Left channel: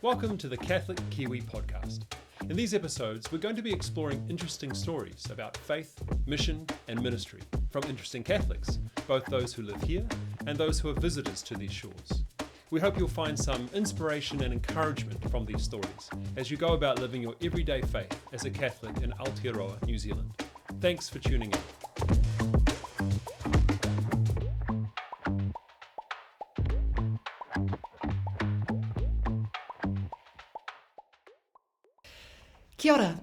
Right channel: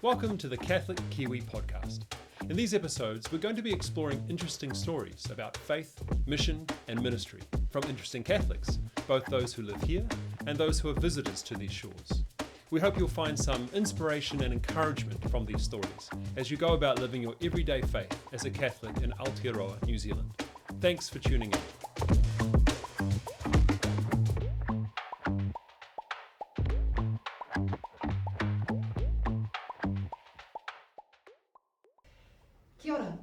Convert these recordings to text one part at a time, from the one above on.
Welcome to the Catholic Kiwi Podcast. In these episodes, we're going to be exploring interesting stories about faith, mission, and ministry from interesting Catholics, both those who live here and those who are visitors to these shores. We hope you'll find some inspiration and encouragement from these stories as you go about living your everyday faith as a Catholic in Aotearoa, New Zealand. Thanks for tuning in. Kia ora.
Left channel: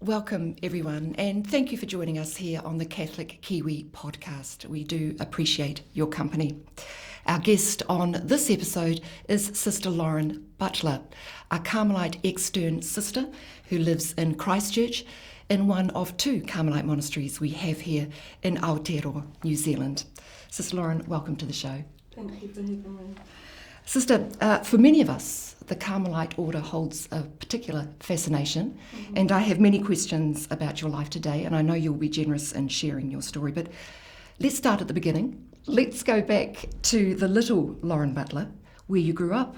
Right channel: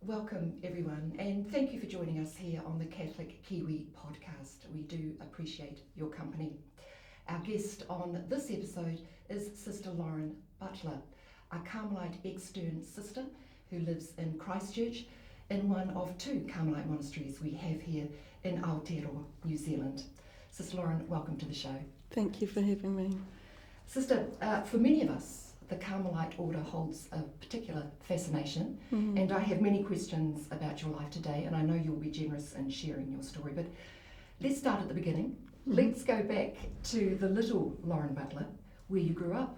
Welcome everyone, and thank you for joining us here on the Catholic Kiwi Podcast. We do appreciate your company. Our guest on this episode is Sister Lauren Butler, a Carmelite Extern Sister who lives in Christchurch, in one of two Carmelite monasteries we have here in Aotearoa, New Zealand. Sister Lauren, welcome to the show. Thank you for having me. Sister, for many of us, the Carmelite order holds a particular fascination, and I have many questions about your life today, and I know you'll be generous in sharing your story, but let's start at the beginning. Let's go back to the little Lauren Butler, where you grew up.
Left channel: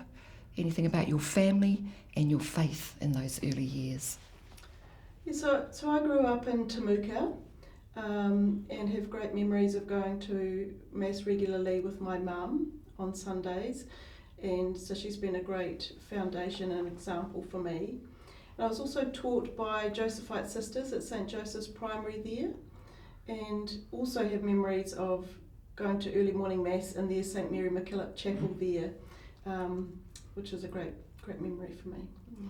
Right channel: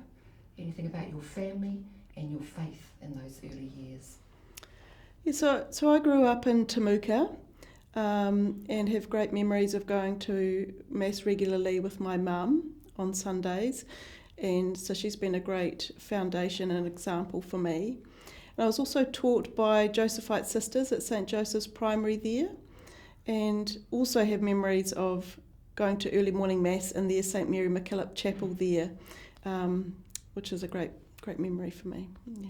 Anything about your family and your faith in those early years? Yeah, so I grew up in Temuka and have great memories of going to Mass regularly with my mum on Sundays. And so she's been a great foundation and example for me. And I was also taught by Josephite sisters at St. Joseph's Primary there, and also have memories of going to early morning Mass in their St. Mary MacKillop Chapel there, which is a great memory for me. Yeah.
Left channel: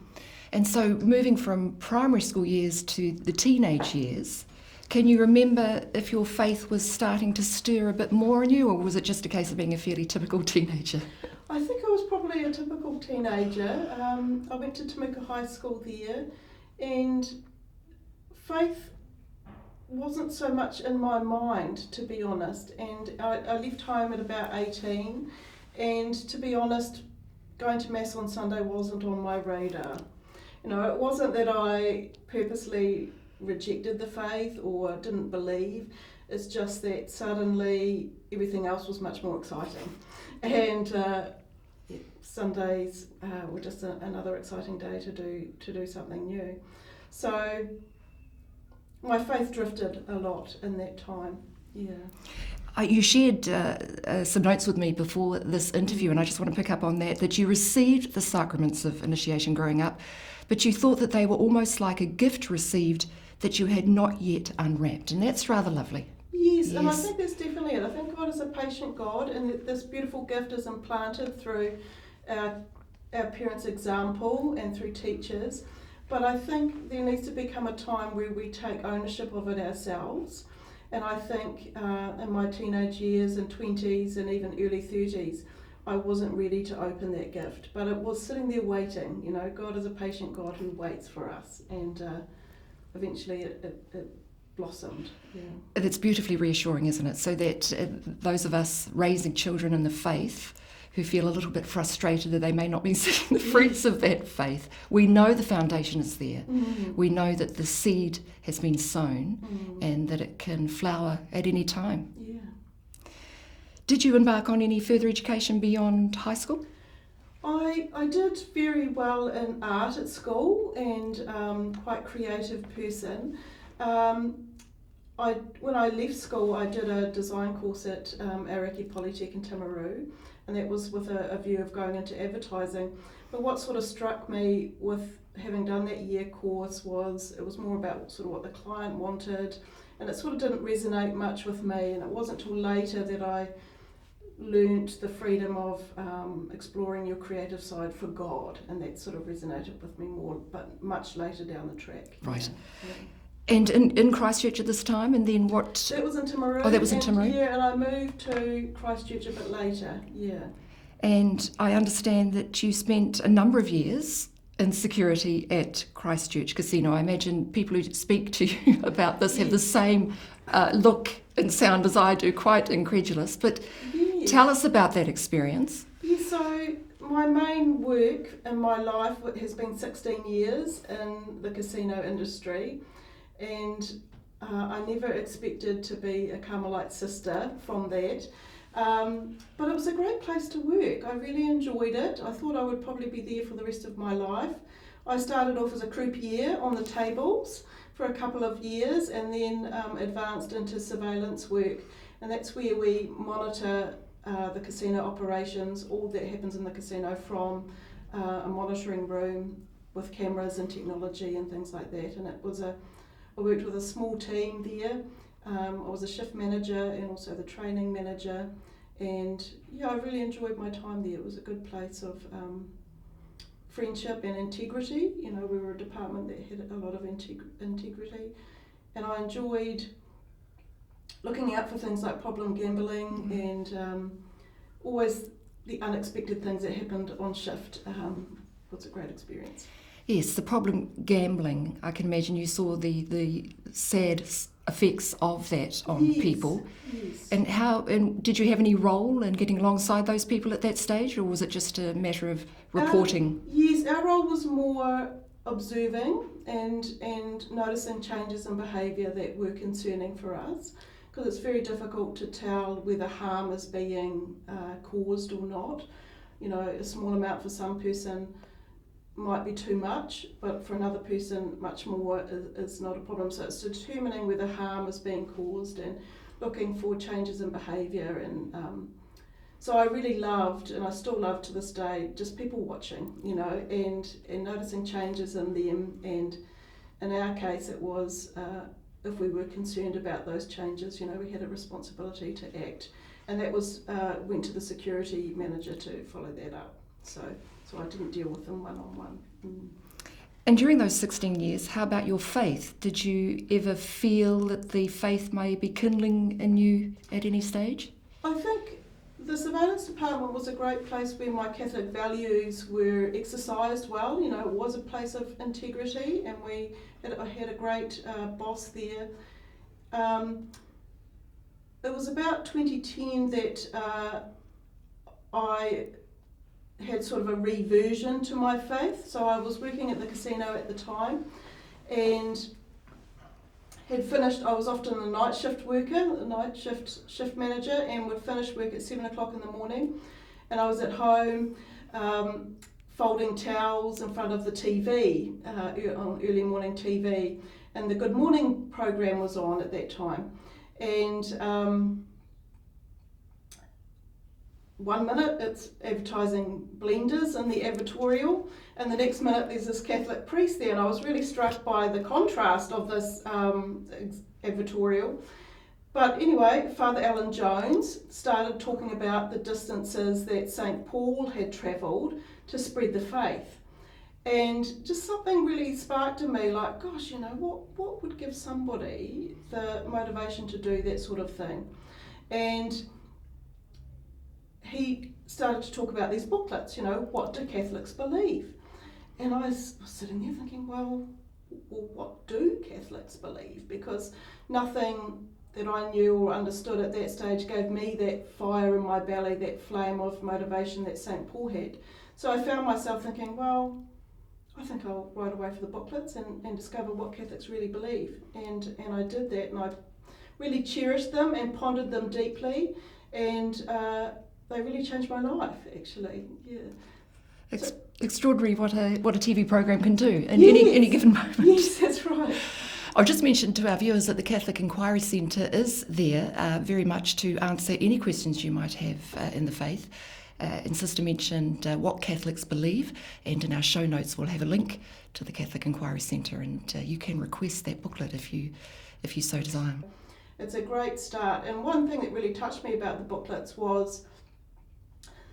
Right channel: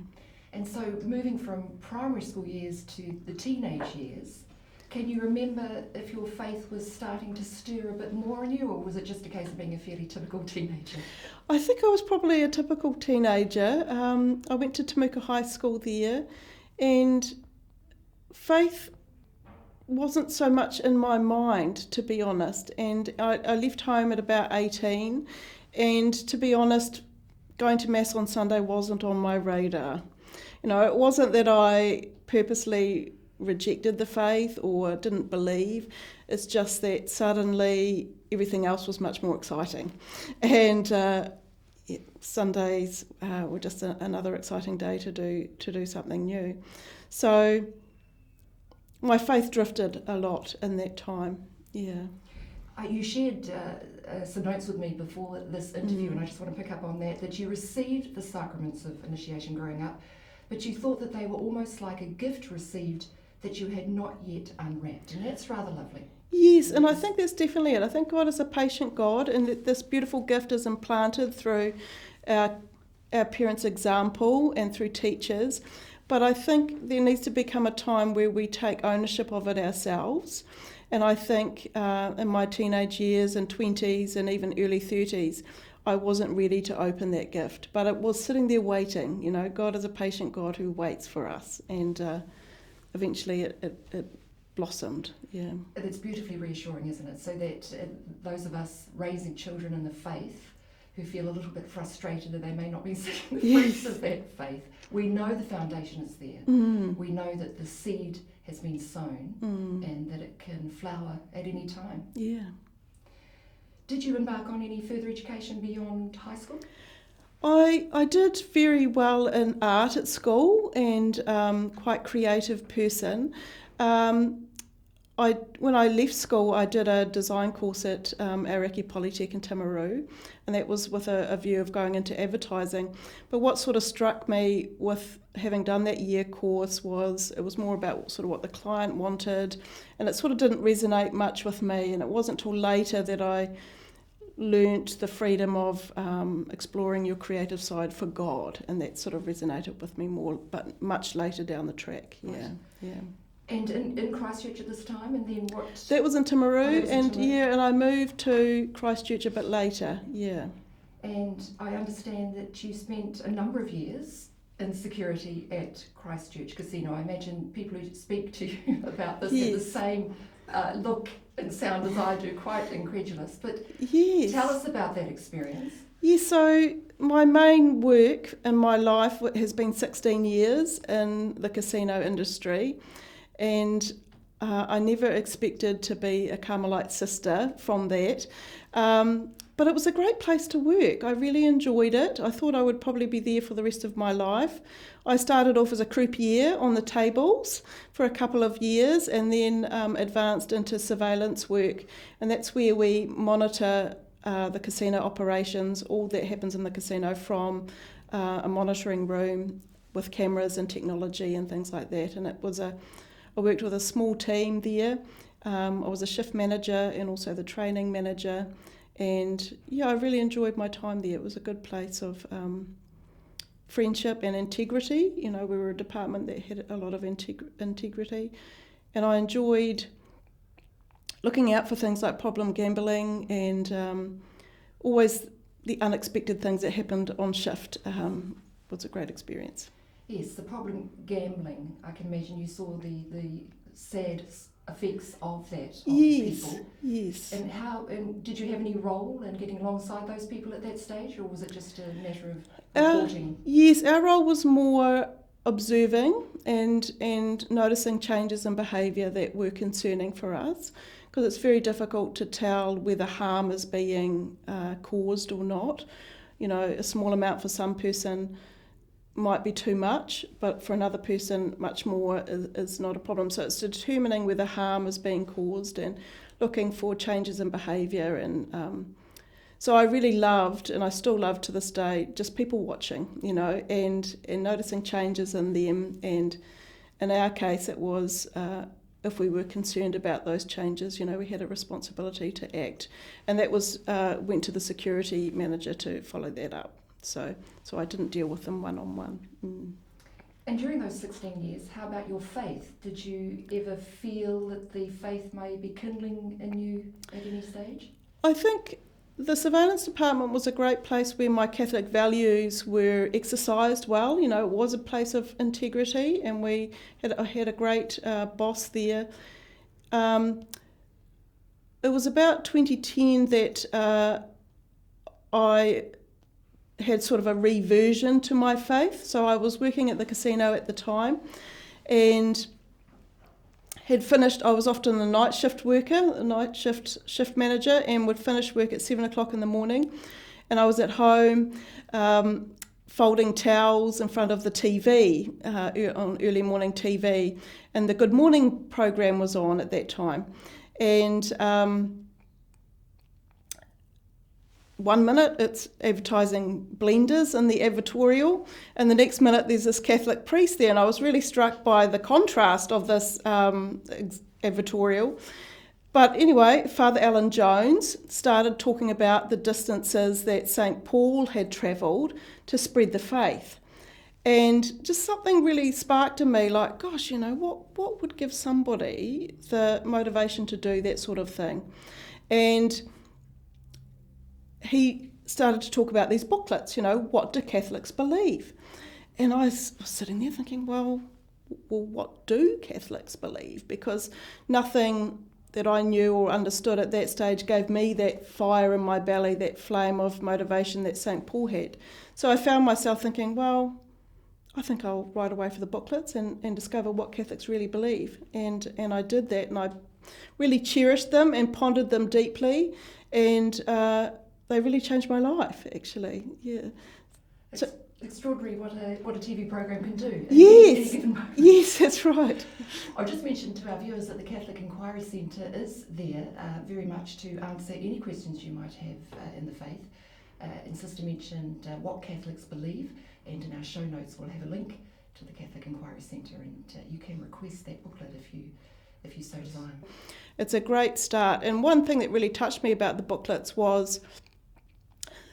And so moving from primary school years to the teenage years, can you remember if your faith was starting to stir a bit more in you, or was it just a case of being a fairly typical teenager? I think I was probably a typical teenager. I went to Temuka High School there, and faith wasn't so much in my mind, to be honest. And I left home at about 18, and to be honest, going to Mass on Sunday wasn't on my radar. You know, it wasn't that I purposely rejected the faith or didn't believe. It's just that suddenly everything else was much more exciting, and Sundays were just another exciting day to do something new. So my faith drifted a lot in that time. Yeah. You shared some notes with me before this interview, and I just want to pick up on that you received the sacraments of initiation growing up, but you thought that they were almost like a gift received that you had not yet unwrapped, and that's rather lovely. Yes, and I think that's definitely it. I think God is a patient God, and that this beautiful gift is implanted through our parents' example and through teachers. But I think there needs to become a time where we take ownership of it ourselves. And I think in my teenage years and 20s and even early 30s, I wasn't ready to open that gift. But it was sitting there waiting. You know, God is a patient God who waits for us. And eventually it blossomed. Yeah. It's beautifully reassuring, isn't it? So that those of us raising children in the faith who feel a little bit frustrated that they may not be seeing the fruits of that faith, we know the foundation is there. We know that the seed has been sown and that it can flower at any time. Yeah. Did you embark on any further education beyond high school? I did very well in art at school, and quite creative person. When I left school, I did a design course at Aoraki Polytech in Timaru, and that was with a view of going into advertising. But what sort of struck me with having done that year course was it was more about sort of what the client wanted, and it sort of didn't resonate much with me. And it wasn't till later that I learnt the freedom of exploring your creative side for God, and that sort of resonated with me more, but much later down the track. Right. Yeah. And in Christchurch at this time, and then what? That was in Timaru. Oh, that was in Timaru. Yeah, and I moved to Christchurch a bit later, yeah. And I understand that you spent a number of years in security at Christchurch Casino. I imagine people who speak to you about this have the same look and sound as I do, quite incredulous. But tell us about that experience. Yeah, so my main work in my life has been 16 years in the casino industry, and I never expected to be a Carmelite sister from that. But it was a great place to work. I really enjoyed it. I thought I would probably be there for the rest of my life. I started off as a croupier on the tables for a couple of years and then advanced into surveillance work. And that's where we monitor the casino operations, all that happens in the casino from a monitoring room with cameras and technology and things like that. And I worked with a small team there. I was a shift manager and also the training manager. And I really enjoyed my time there. It was a good place of friendship and integrity. We were a department that had a lot of integrity. And I enjoyed looking out for things like problem gambling and always the unexpected things that happened on shift was a great experience. Yes, the problem gambling. I can imagine you saw the sad effects of that on people. Yes. And did you have any role in getting alongside those people at that stage, or was it just a matter of reporting? Yes, our role was more observing and noticing changes in behaviour that were concerning for us, because it's very difficult to tell whether harm is being caused or not. A small amount for some person might be too much, but for another person much more is not a problem. So it's determining whether harm is being caused and looking for changes in behaviour. And so I really loved, and I still love to this day, just people watching, and noticing changes in them. And in our case it was if we were concerned about those changes, we had a responsibility to act, and that was went to the security manager to follow that up. So I didn't deal with them one-on-one. And during those 16 years, how about your faith? Did you ever feel that the faith may be kindling in you at any stage? I think the surveillance department was a great place where my Catholic values were exercised well. It was a place of integrity, and I had a great boss there. It was about 2010 that I had sort of a reversion to my faith. So I was working at the casino at the time and had finished. I was often a night shift worker, a night shift manager, and would finish work at 7 o'clock in the morning. And I was at home folding towels in front of the TV, on early morning TV. And the Good Morning program was on at that time. And 1 minute it's advertising blenders in the advertorial, and the next minute there's this Catholic priest there, and I was really struck by the contrast of this advertorial. But anyway, Father Alan Jones started talking about the distances that St. Paul had travelled to spread the faith. And just something really sparked in me, like, gosh, what would give somebody the motivation to do that sort of thing? And he started to talk about these booklets, what do Catholics believe? And I was sitting there thinking, well, what do Catholics believe? Because nothing that I knew or understood at that stage gave me that fire in my belly, that flame of motivation that St. Paul had. So I found myself thinking, well, I think I'll write away for the booklets and discover what Catholics really believe. And I did that, and I really cherished them and pondered them deeply, and they really changed my life, actually. Yeah. It's extraordinary what a TV program can do in yes. any given moment. Yes, that's right. I'll just mention to our viewers that the Catholic Inquiry Centre is there very much to answer any questions you might have in the faith. And Sister mentioned what Catholics believe, and in our show notes we'll have a link to the Catholic Inquiry Centre, and you can request that booklet if you so desire. It's a great start. And one thing that really touched me about the booklets was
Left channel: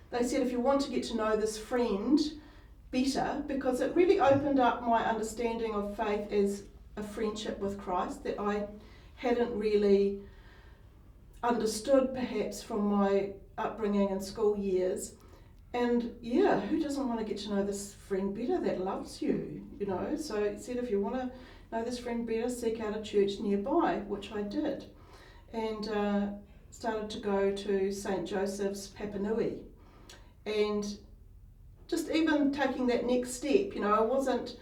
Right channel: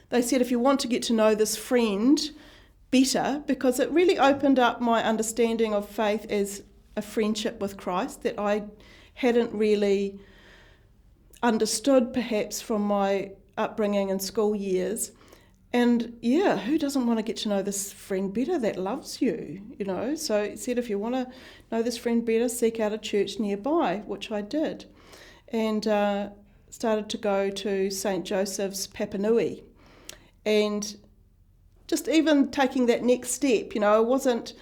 they said, if you want to get to know this friend better, because it really opened up my understanding of faith as a friendship with Christ that I hadn't really understood perhaps from my upbringing and school years. And yeah, who doesn't want to get to know this friend better that loves you, So it said, if you want to know this friend better, seek out a church nearby, which I did. And started to go to St. Joseph's Papanui. And just even taking that next step, I wasn't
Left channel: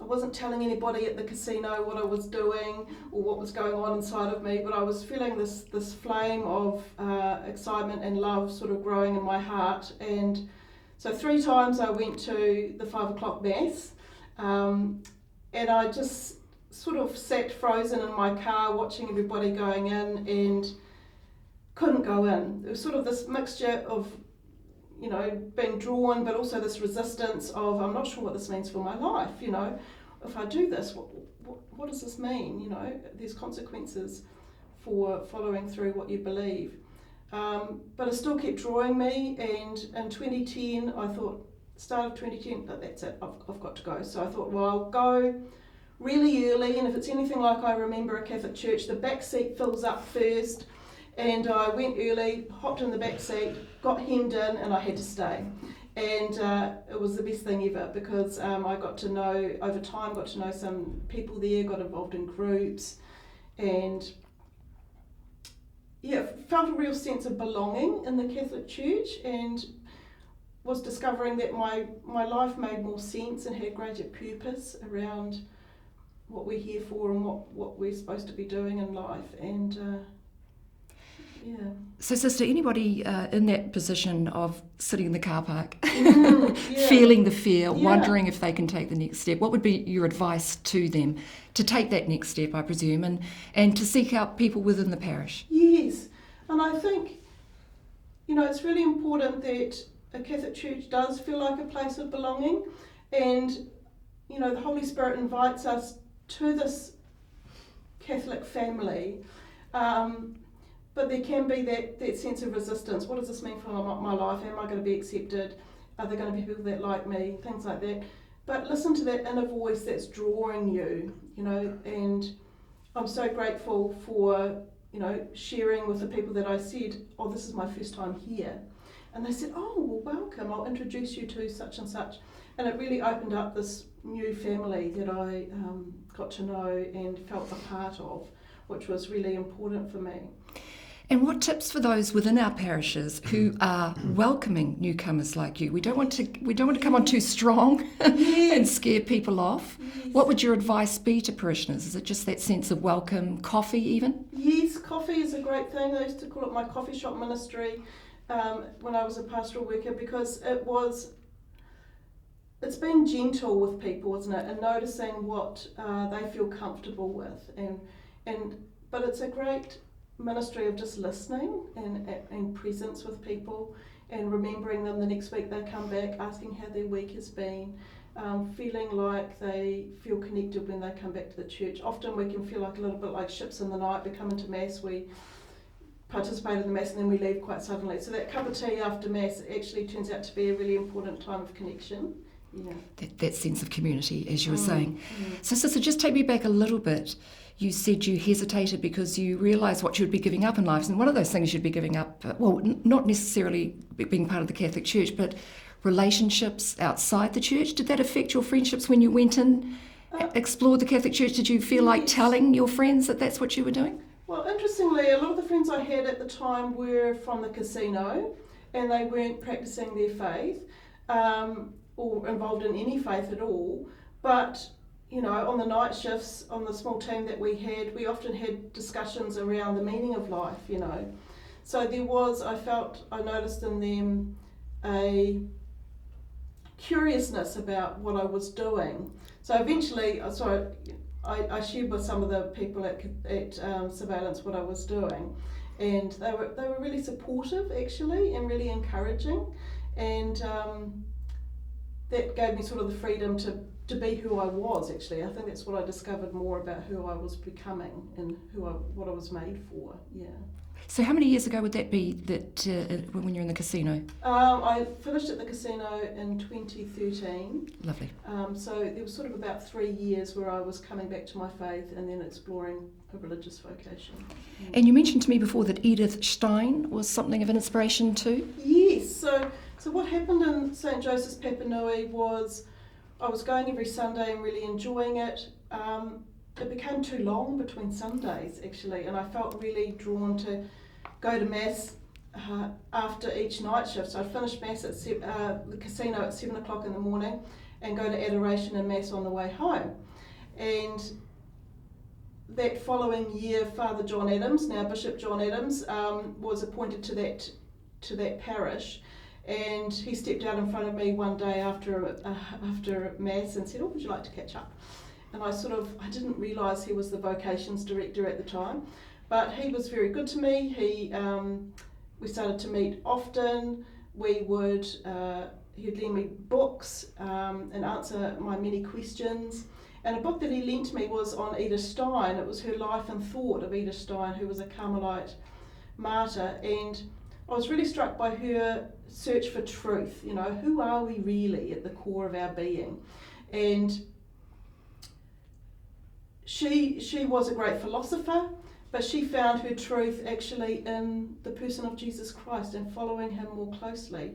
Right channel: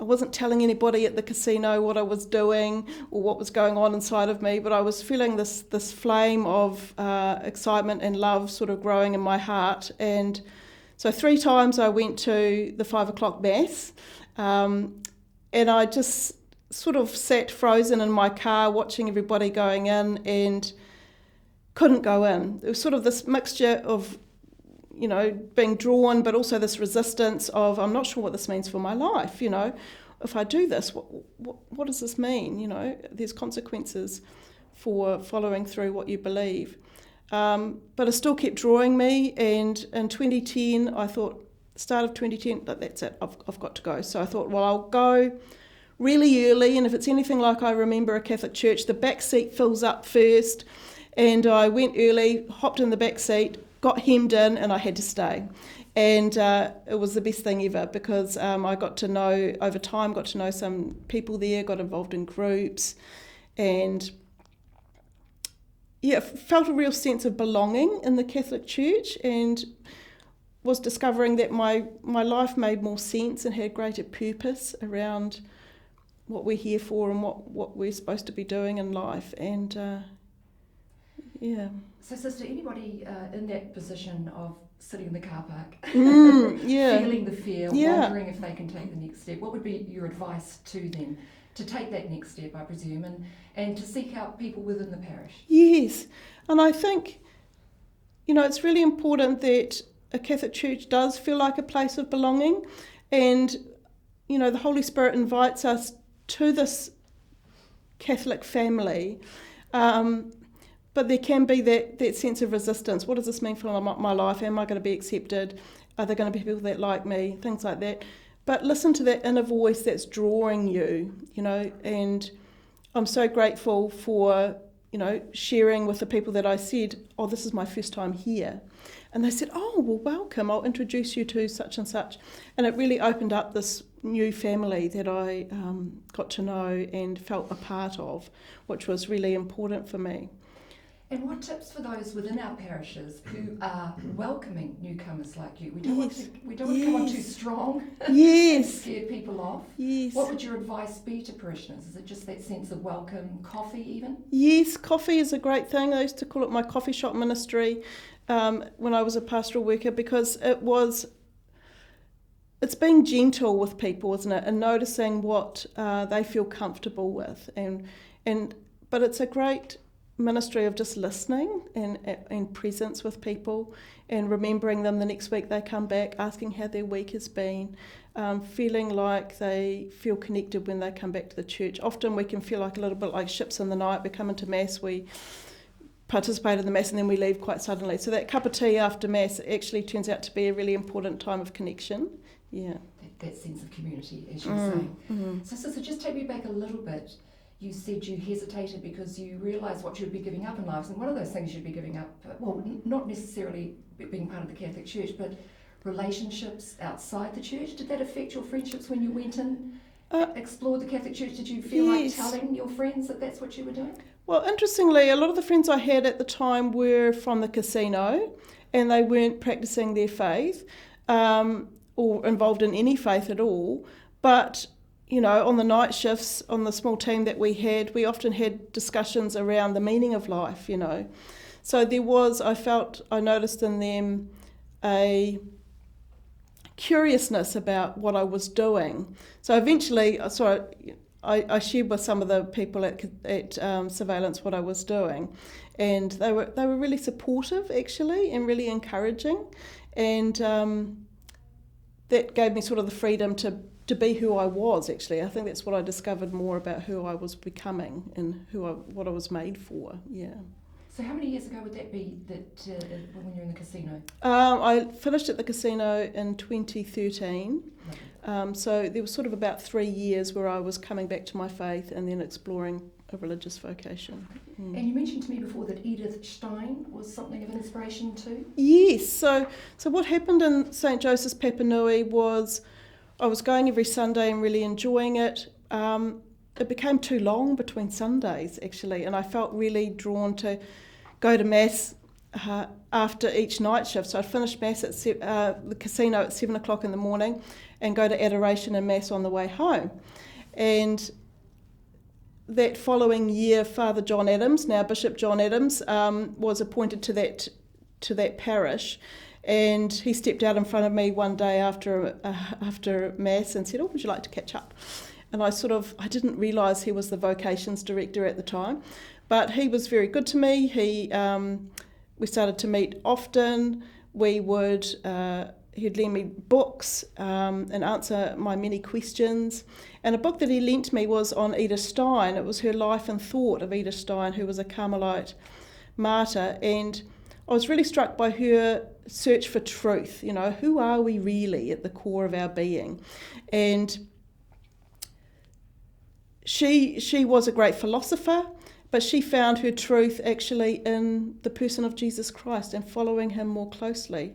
I wasn't telling anybody at the casino what I was doing or what was going on inside of me, but I was feeling this flame of excitement and love sort of growing in my heart. And so 3 times I went to the 5 o'clock Mass, and I just sort of sat frozen in my car watching everybody going in and couldn't go in. It was sort of this mixture of, you know, being drawn, but also this resistance of, I'm not sure what this means for my life, you know. If I do this, what does this mean? You know, there's consequences for following through what you believe. But it still kept drawing me, and in 2010, I thought, start of 2010, that's it, I've got to go. So I thought, well, I'll go really early, and if it's anything like I remember a Catholic church, the back seat fills up first. And I went early, hopped in the back seat, got hemmed in, and I had to stay. And it was the best thing ever, because I got to know, over time, got to know some people there, got involved in groups, and yeah, felt a real sense of belonging in the Catholic Church, and was discovering that my life made more sense and had greater purpose around what we're here for and what we're supposed to be doing in life. And yeah. So, Sister, anybody in that position of sitting in the car park, yeah. feeling the fear, Yeah. wondering if they can take the next step, what would be your advice to them to take that next step, I presume, and to seek out people within the parish? Yes, and I think, you know, it's really important that a Catholic church does feel like a place of belonging, and, you know, the Holy Spirit invites us to this Catholic family. But there can be that sense of resistance. What does this mean for my life? Am I going to be accepted? Are there going to be people that like me? Things like that. But listen to that inner voice that's drawing you, you know. And I'm so grateful for, you know, sharing with the people that I said, oh, this is my first time here. And they said, oh, well, welcome. I'll introduce you to such and such. And it really opened up this new family that I got to know and felt a part of, which was really important for me. And what tips for those within our parishes who are welcoming newcomers like you? We don't want to come on too strong and scare people off. Yes. What would your advice be to parishioners? Is it just that sense of welcome, coffee even? Yes, coffee is a great thing. I used to call it my coffee shop ministry when I was a pastoral worker, because it's being gentle with people, isn't it? And noticing what they feel comfortable with, but it's a great ministry of just listening and presence with people, and remembering them the next week they come back, asking how their week has been, feeling like they feel connected when they come back to the church. Often we can feel like a little bit like ships in the night. We come into Mass, we participate in the Mass, and then we leave quite suddenly. So that cup of tea after Mass actually turns out to be a really important time of connection. Yeah. That sense of community, as you were saying. Mm-hmm. So, Sister, just take me back a little bit. You said you hesitated because you realised what you would be giving up in life. And one of those things you'd be giving up, not necessarily being part of the Catholic Church, but relationships outside the church. Did that affect your friendships when you went in, explored the Catholic Church? Did you feel like telling your friends that that's what you were doing? Well, interestingly, a lot of the friends I had at the time were from the casino, and they weren't practising their faith or involved in any faith at all. But you know, on the night shifts, on the small team that we often had discussions around the meaning of life, you know. So there was, I noticed in them a curiousness about what I was doing. So eventually, I shared with some of the people at Surveillance what I was doing, and they were really supportive, actually, and really encouraging, and that gave me sort of the freedom to be who I was, actually. I think that's what I discovered more about who I was becoming and what I was made for, yeah. So how many years ago would that be that when you're in the casino? I finished at the casino in 2013. Lovely. So there was sort of about 3 years where I was coming back to my faith and then exploring a religious vocation. And you mentioned to me before that Edith Stein was something of an inspiration too? Yes. So what happened in St. Joseph's Papanui was I was going every Sunday and really enjoying it. It became too long between Sundays, actually, and I felt really drawn to go to Mass after each night shift. So I'd finish Mass at the casino at 7 o'clock in the morning and go to adoration and Mass on the way home. And that following year, Father John Adams, now Bishop John Adams, was appointed to that parish. And he stepped out in front of me one day after Mass and said, "Oh, would you like to catch up?" And I didn't realise he was the vocations director at the time. But he was very good to me. We started to meet often. He'd lend me books and answer my many questions. And a book that he lent me was on Edith Stein. It was her life and thought of Edith Stein, who was a Carmelite martyr. And I was really struck by her search for truth. Who are we really at the core of our being? And she was a great philosopher, but she found her truth actually in the person of Jesus Christ and following him more closely.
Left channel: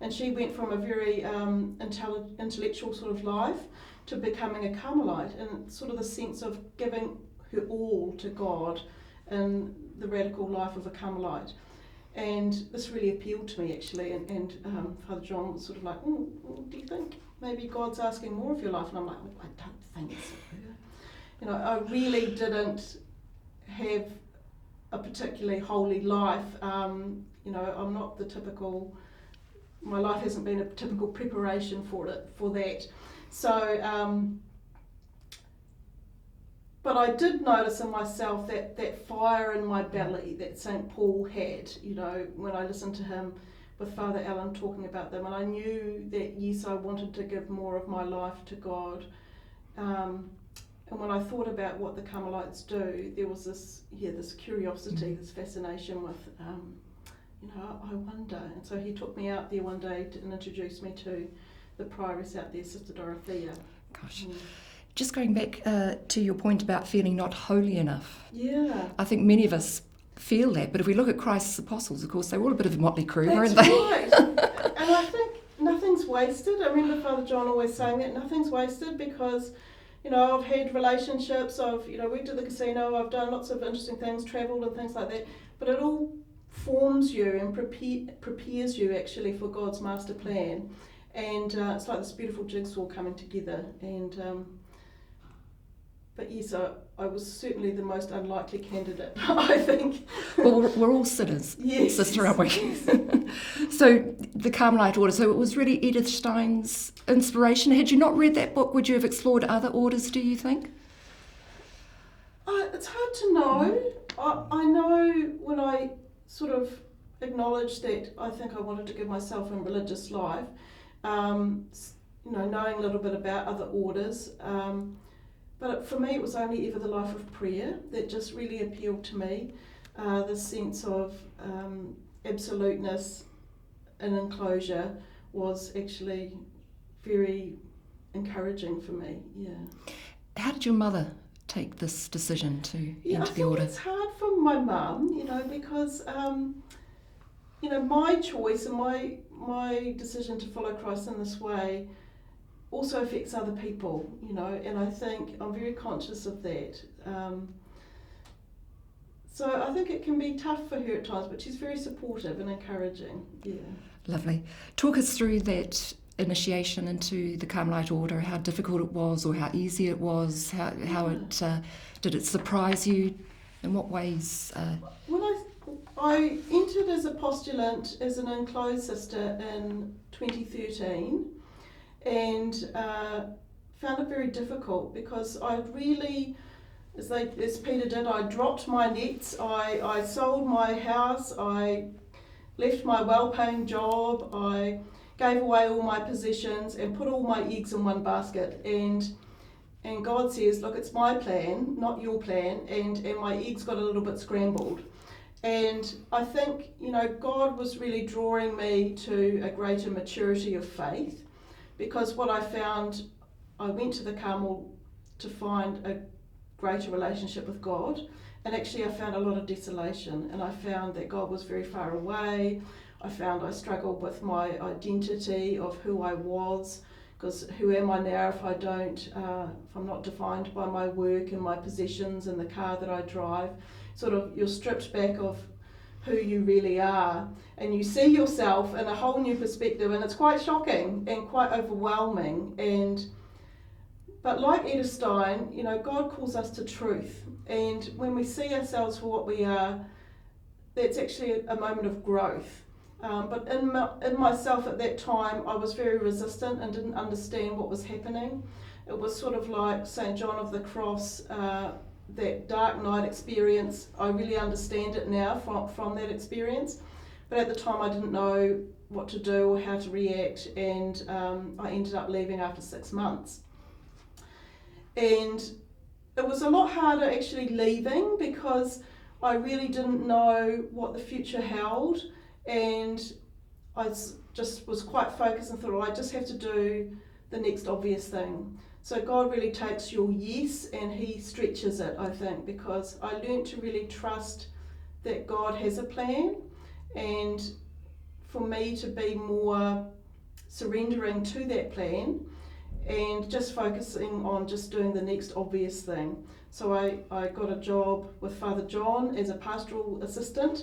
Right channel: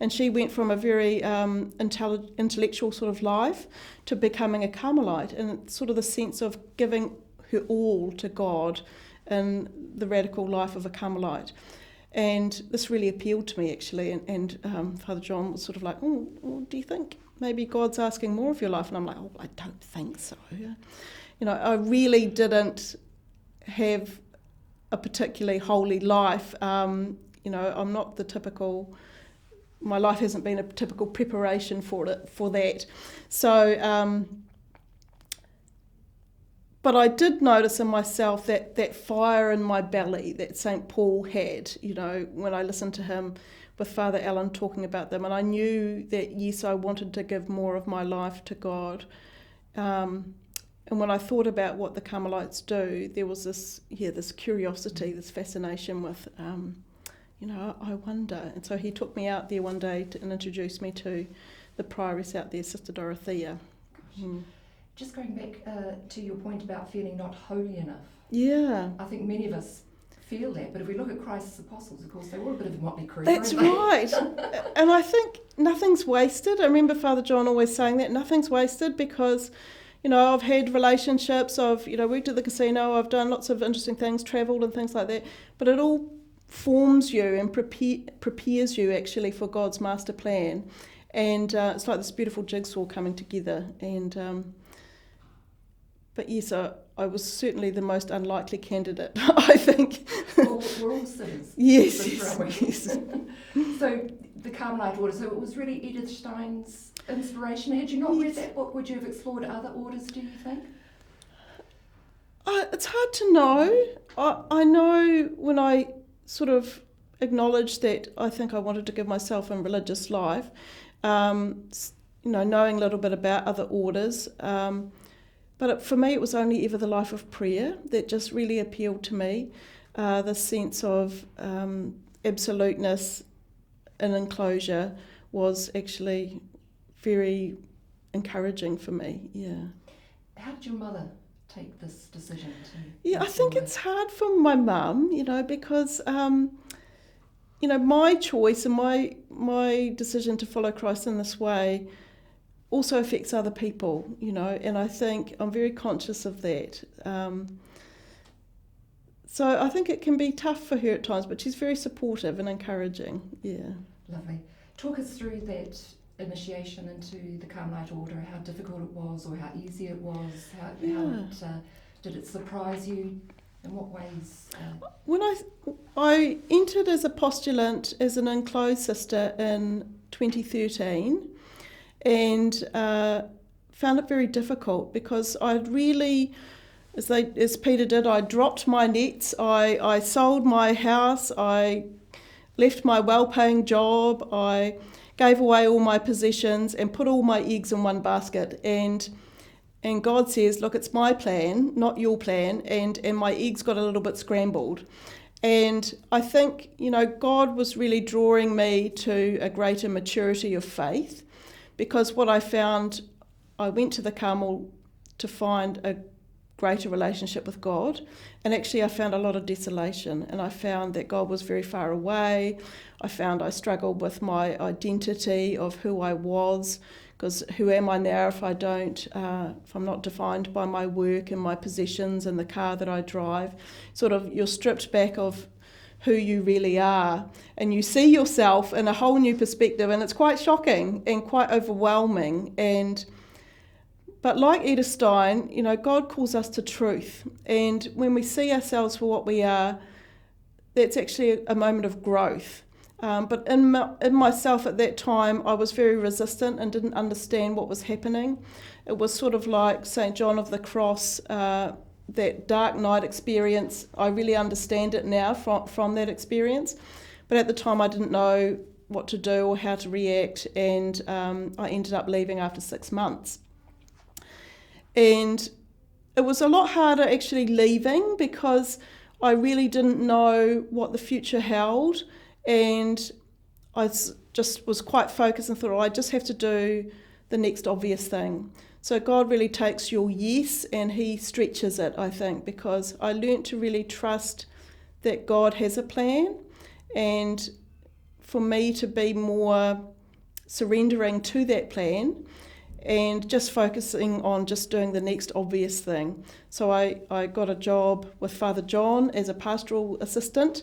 And she went from a very intellectual sort of life to becoming a Carmelite, and sort of the sense of giving her all to God in the radical life of a Carmelite. And this really appealed to me actually, and Father John was sort of like, oh, do you think maybe God's asking more of your life? And I'm like, I don't think so. I really didn't have a particularly holy life. I'm not the typical, my life hasn't been a typical preparation for that. So, but I did notice in myself that fire in my belly that St. Paul had, when I listened to him with Father Alan talking about them, and I knew that, yes, I wanted to give more of my life to God. And when I thought about what the Carmelites do, there was this curiosity, this fascination with, I wonder. And so he took me out there one day and introduced me to the prioress out there, Sister Dorothea. Gosh. Just going back to your point about feeling not holy enough. Yeah. I think many of us feel that, but if we look at Christ's apostles, of course, they were all a bit of a motley crew, That's weren't they? right. And I think nothing's wasted. I remember Father John always saying that, nothing's wasted, because I've had relationships, I've, worked at the casino, I've done lots of interesting things, travelled and things like that, but it all forms you and prepares you actually for God's master plan. And it's like this beautiful jigsaw coming together. And but yes, I was certainly the most unlikely candidate, I think. Well, we're all sinners. Yes. Sister, aren't we? Yes. So the Carmelite order, so it was really Edith Stein's inspiration. Had you not read that book, would you have explored other orders, do you think? It's hard to know. I know when I sort of acknowledged that I think I wanted to give myself a religious life, knowing a little bit about other orders. But for me, it was only ever the life of prayer that just really appealed to me. The sense of absoluteness and enclosure was actually very encouraging for me. Yeah. How did your mother take this decision to? Yeah, I think it's hard for my mum, because my choice and my decision to follow Christ in this way also affects other people, and I think I'm very conscious of that. So I think it can be tough for her at times, but she's very supportive and encouraging. Yeah. Lovely. Talk us through that initiation into the Carmelite order, how difficult it was or how easy it was, how it did it surprise you, in what ways? When I entered as a postulant as an enclosed sister in 2013, and found it very difficult because I'd really, as Peter did, I dropped my nets, I sold my house, I left my well-paying job, I gave away all my possessions and put all my eggs in one basket, and God says, look, it's my plan, not your plan, and my eggs got a little bit scrambled. And I think, God was really drawing me to a greater maturity of faith, because what I found, I went to the Carmel to find a greater relationship with God, and actually I found a lot of desolation, and I found that God was very far away. I found I struggled with my identity of who I was, because who am I now if I'm not defined by my work and my possessions and the car that I drive? Sort of, you're stripped back of who you really are. And you see yourself in a whole new perspective, and it's quite shocking and quite overwhelming. But like Edith Stein, God calls us to truth. And when we see ourselves for what we are, that's actually a moment of growth. But in myself at that time, I was very resistant and didn't understand what was happening. It was sort of like St. John of the Cross, that dark night experience. I really understand it now from that experience. But at the time, I didn't know what to do or how to react, and I ended up leaving after 6 months. And it was a lot harder actually leaving, because I really didn't know what the future held, and I just was quite focused and thought, I just have to do the next obvious thing. So God really takes your yes and he stretches it, I think, because I learned to really trust that God has a plan, and for me to be more surrendering to that plan and just focusing on just doing the next obvious thing. So I got a job with Father John as a pastoral assistant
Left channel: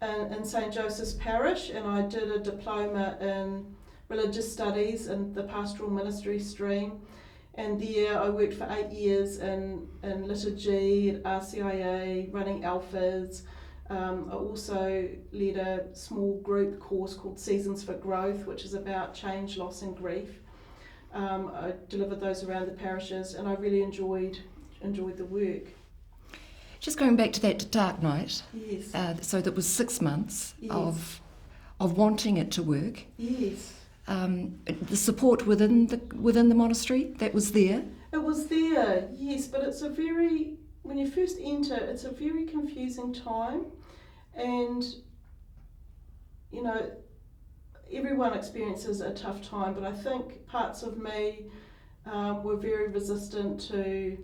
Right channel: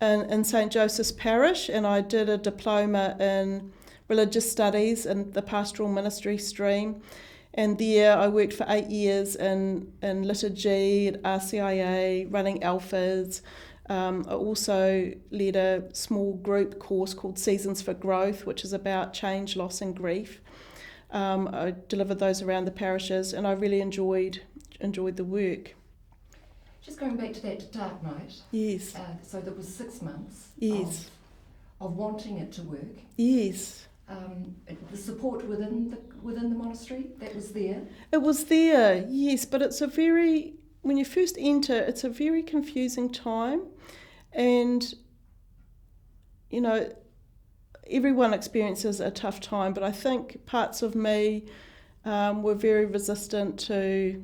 in St. Joseph's Parish, and I did a diploma in religious studies in the pastoral ministry stream. And there I worked for 8 years in liturgy at RCIA, running alphas. I also led a small group course called Seasons for Growth, which is about change, loss and grief. I delivered those around the parishes, and I really enjoyed the work. Just going back to that dark night. Yes. So that was 6 months. Yes. of wanting it to work. Yes. The support within the monastery, that was there? It was there, yes, but when you first enter, it's a very confusing time, and everyone experiences a tough time, but I think parts of me were very resistant to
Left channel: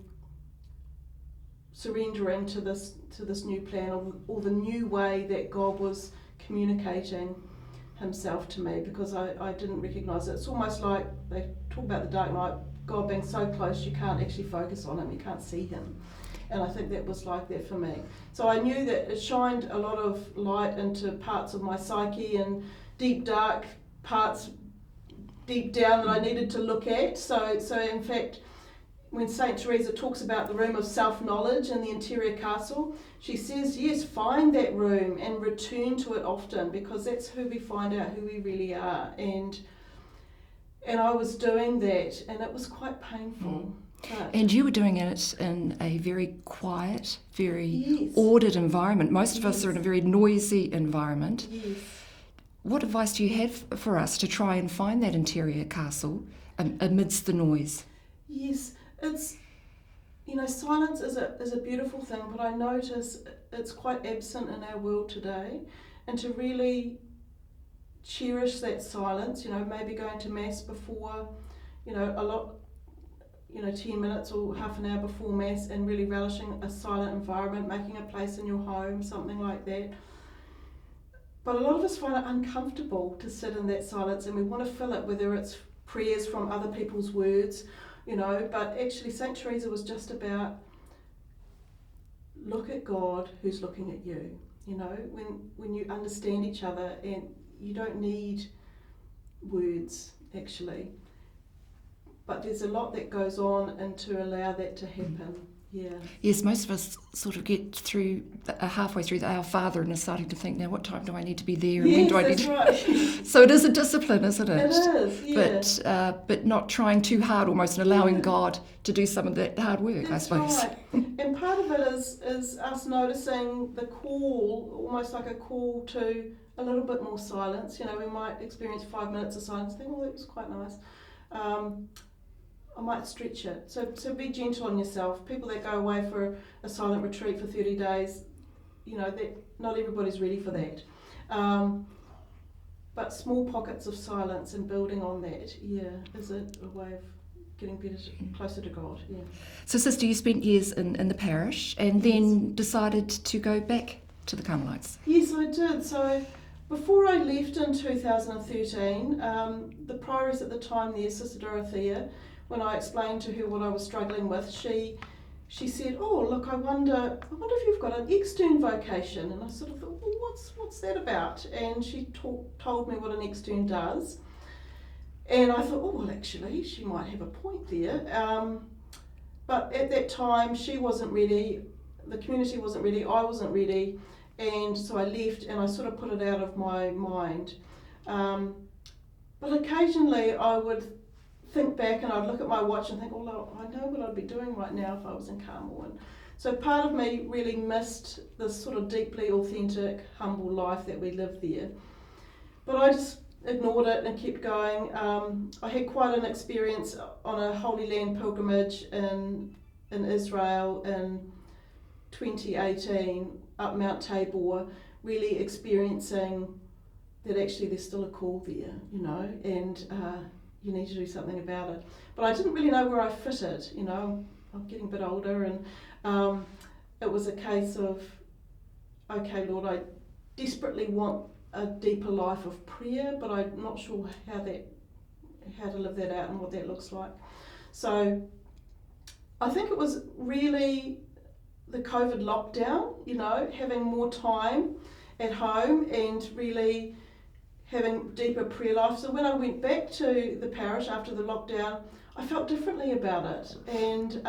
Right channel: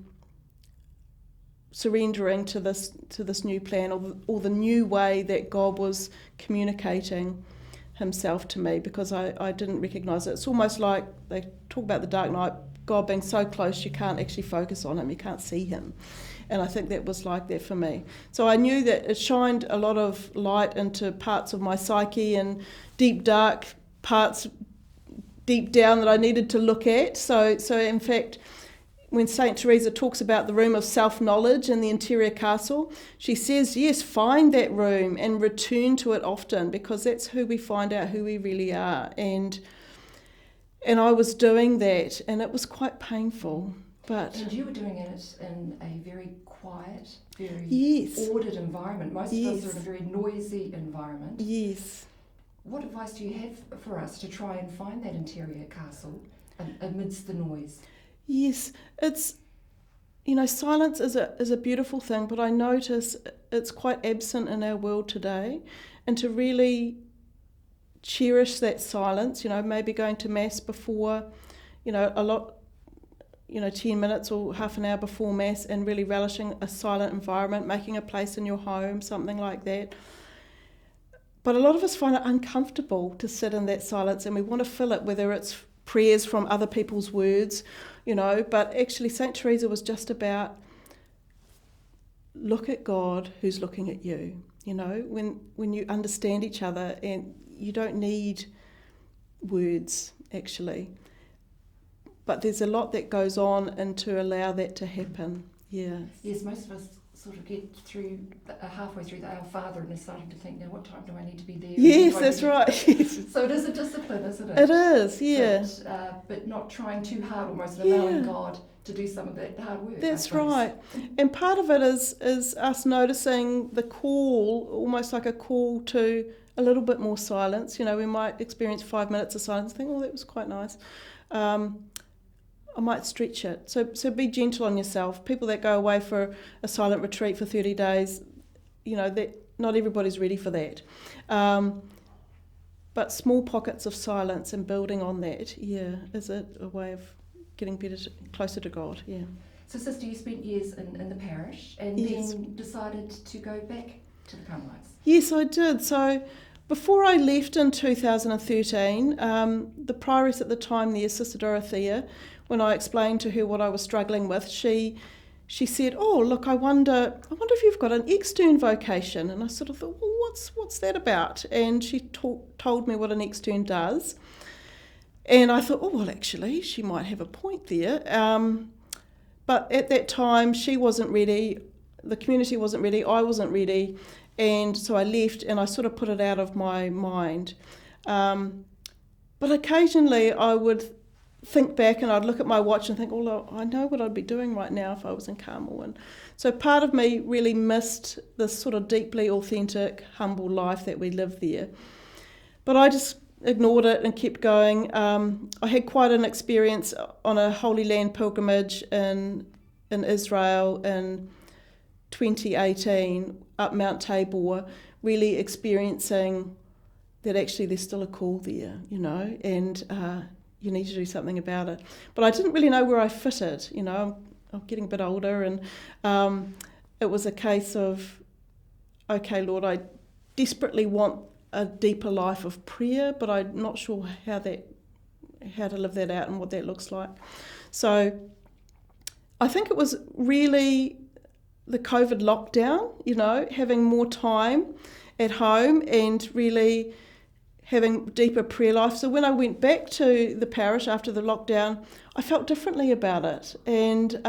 surrendering to this new plan, or the new way that God was communicating himself to me, because I didn't recognise it. It's almost like they talk about the dark night, God being so close you can't actually focus on him, you can't see him. And I think that was like that for me. So I knew that it shined a lot of light into parts of my psyche and deep dark parts deep down that I needed to look at. So in fact, when St. Teresa talks about the room of self-knowledge in the interior castle, she says, yes, find that room and return to it often, because that's who we find out who we really are. And I was doing that, and it was quite painful. And you were doing it in a very quiet, very ordered environment. Most of us are in a very noisy environment. Yes. What advice do you have for us to try and find that interior castle amidst the noise? Yes, it's, silence is a beautiful thing, but I notice it's quite absent in our world today. And to really cherish that silence, maybe going to Mass before, a lot, 10 minutes or half an hour before Mass, and really relishing a silent environment, making a place in your home, something like that. But a lot of us find it uncomfortable to sit in that silence, and we want to fill it, whether it's prayers from other people's words, but actually St. Teresa was just about look at God who's looking at you, when you understand each other, and you don't need words actually. But there's a lot that goes on, and to allow that to happen. Yeah. Yes, most of us sort of get through halfway through Our Father and are starting to think, now what time do I need to be there? Yes, that's right. So it is a discipline, isn't it? It is, yeah. But not trying too hard almost, and allowing God to do some of that hard work, that's I suppose. Right. And part of it is us noticing the call, almost like a call to a little bit more silence. We might experience 5 minutes of silence and think, oh, that was quite nice. I might stretch it. So be gentle on yourself. People that go away for a silent retreat for 30 days, that not everybody's ready for that. But small pockets of silence and building on that, is a way of getting closer to God, yeah. So, Sister, you spent years in the parish and then decided to go back to the Carmelites. Yes, I did. So before I left in 2013, the prioress at the time there, Sister Dorothea, when I explained to her what I was struggling with, she she said, "Oh, look, I wonder if you've got an extern vocation." And I sort of thought, "Well, what's that about?" And she told me what an extern does. And I thought, "Oh, well, actually, she might have a point there." But at that time, she wasn't ready, the community wasn't ready, I wasn't ready, and so I left and I sort of put it out of my mind. But occasionally I would think back and I'd look at my watch and think, "Oh, look, I know what I'd be doing right now if I was in Carmel." And so part of me really missed this sort of deeply authentic, humble life that we lived there. But I just ignored it and kept going. I had quite an experience on a Holy Land pilgrimage in Israel in 2018 up Mount Tabor, really experiencing that actually there's still a call there, and you need to do something about it. But I didn't really know where I fitted, I'm getting a bit older, and it was a case of, okay, Lord, I desperately want a deeper life of prayer, but I'm not sure how to live that out and what that looks like. So I think it was really the COVID lockdown, having more time at home and really having deeper prayer life. So when I went back to the parish after the lockdown, I felt differently about it. And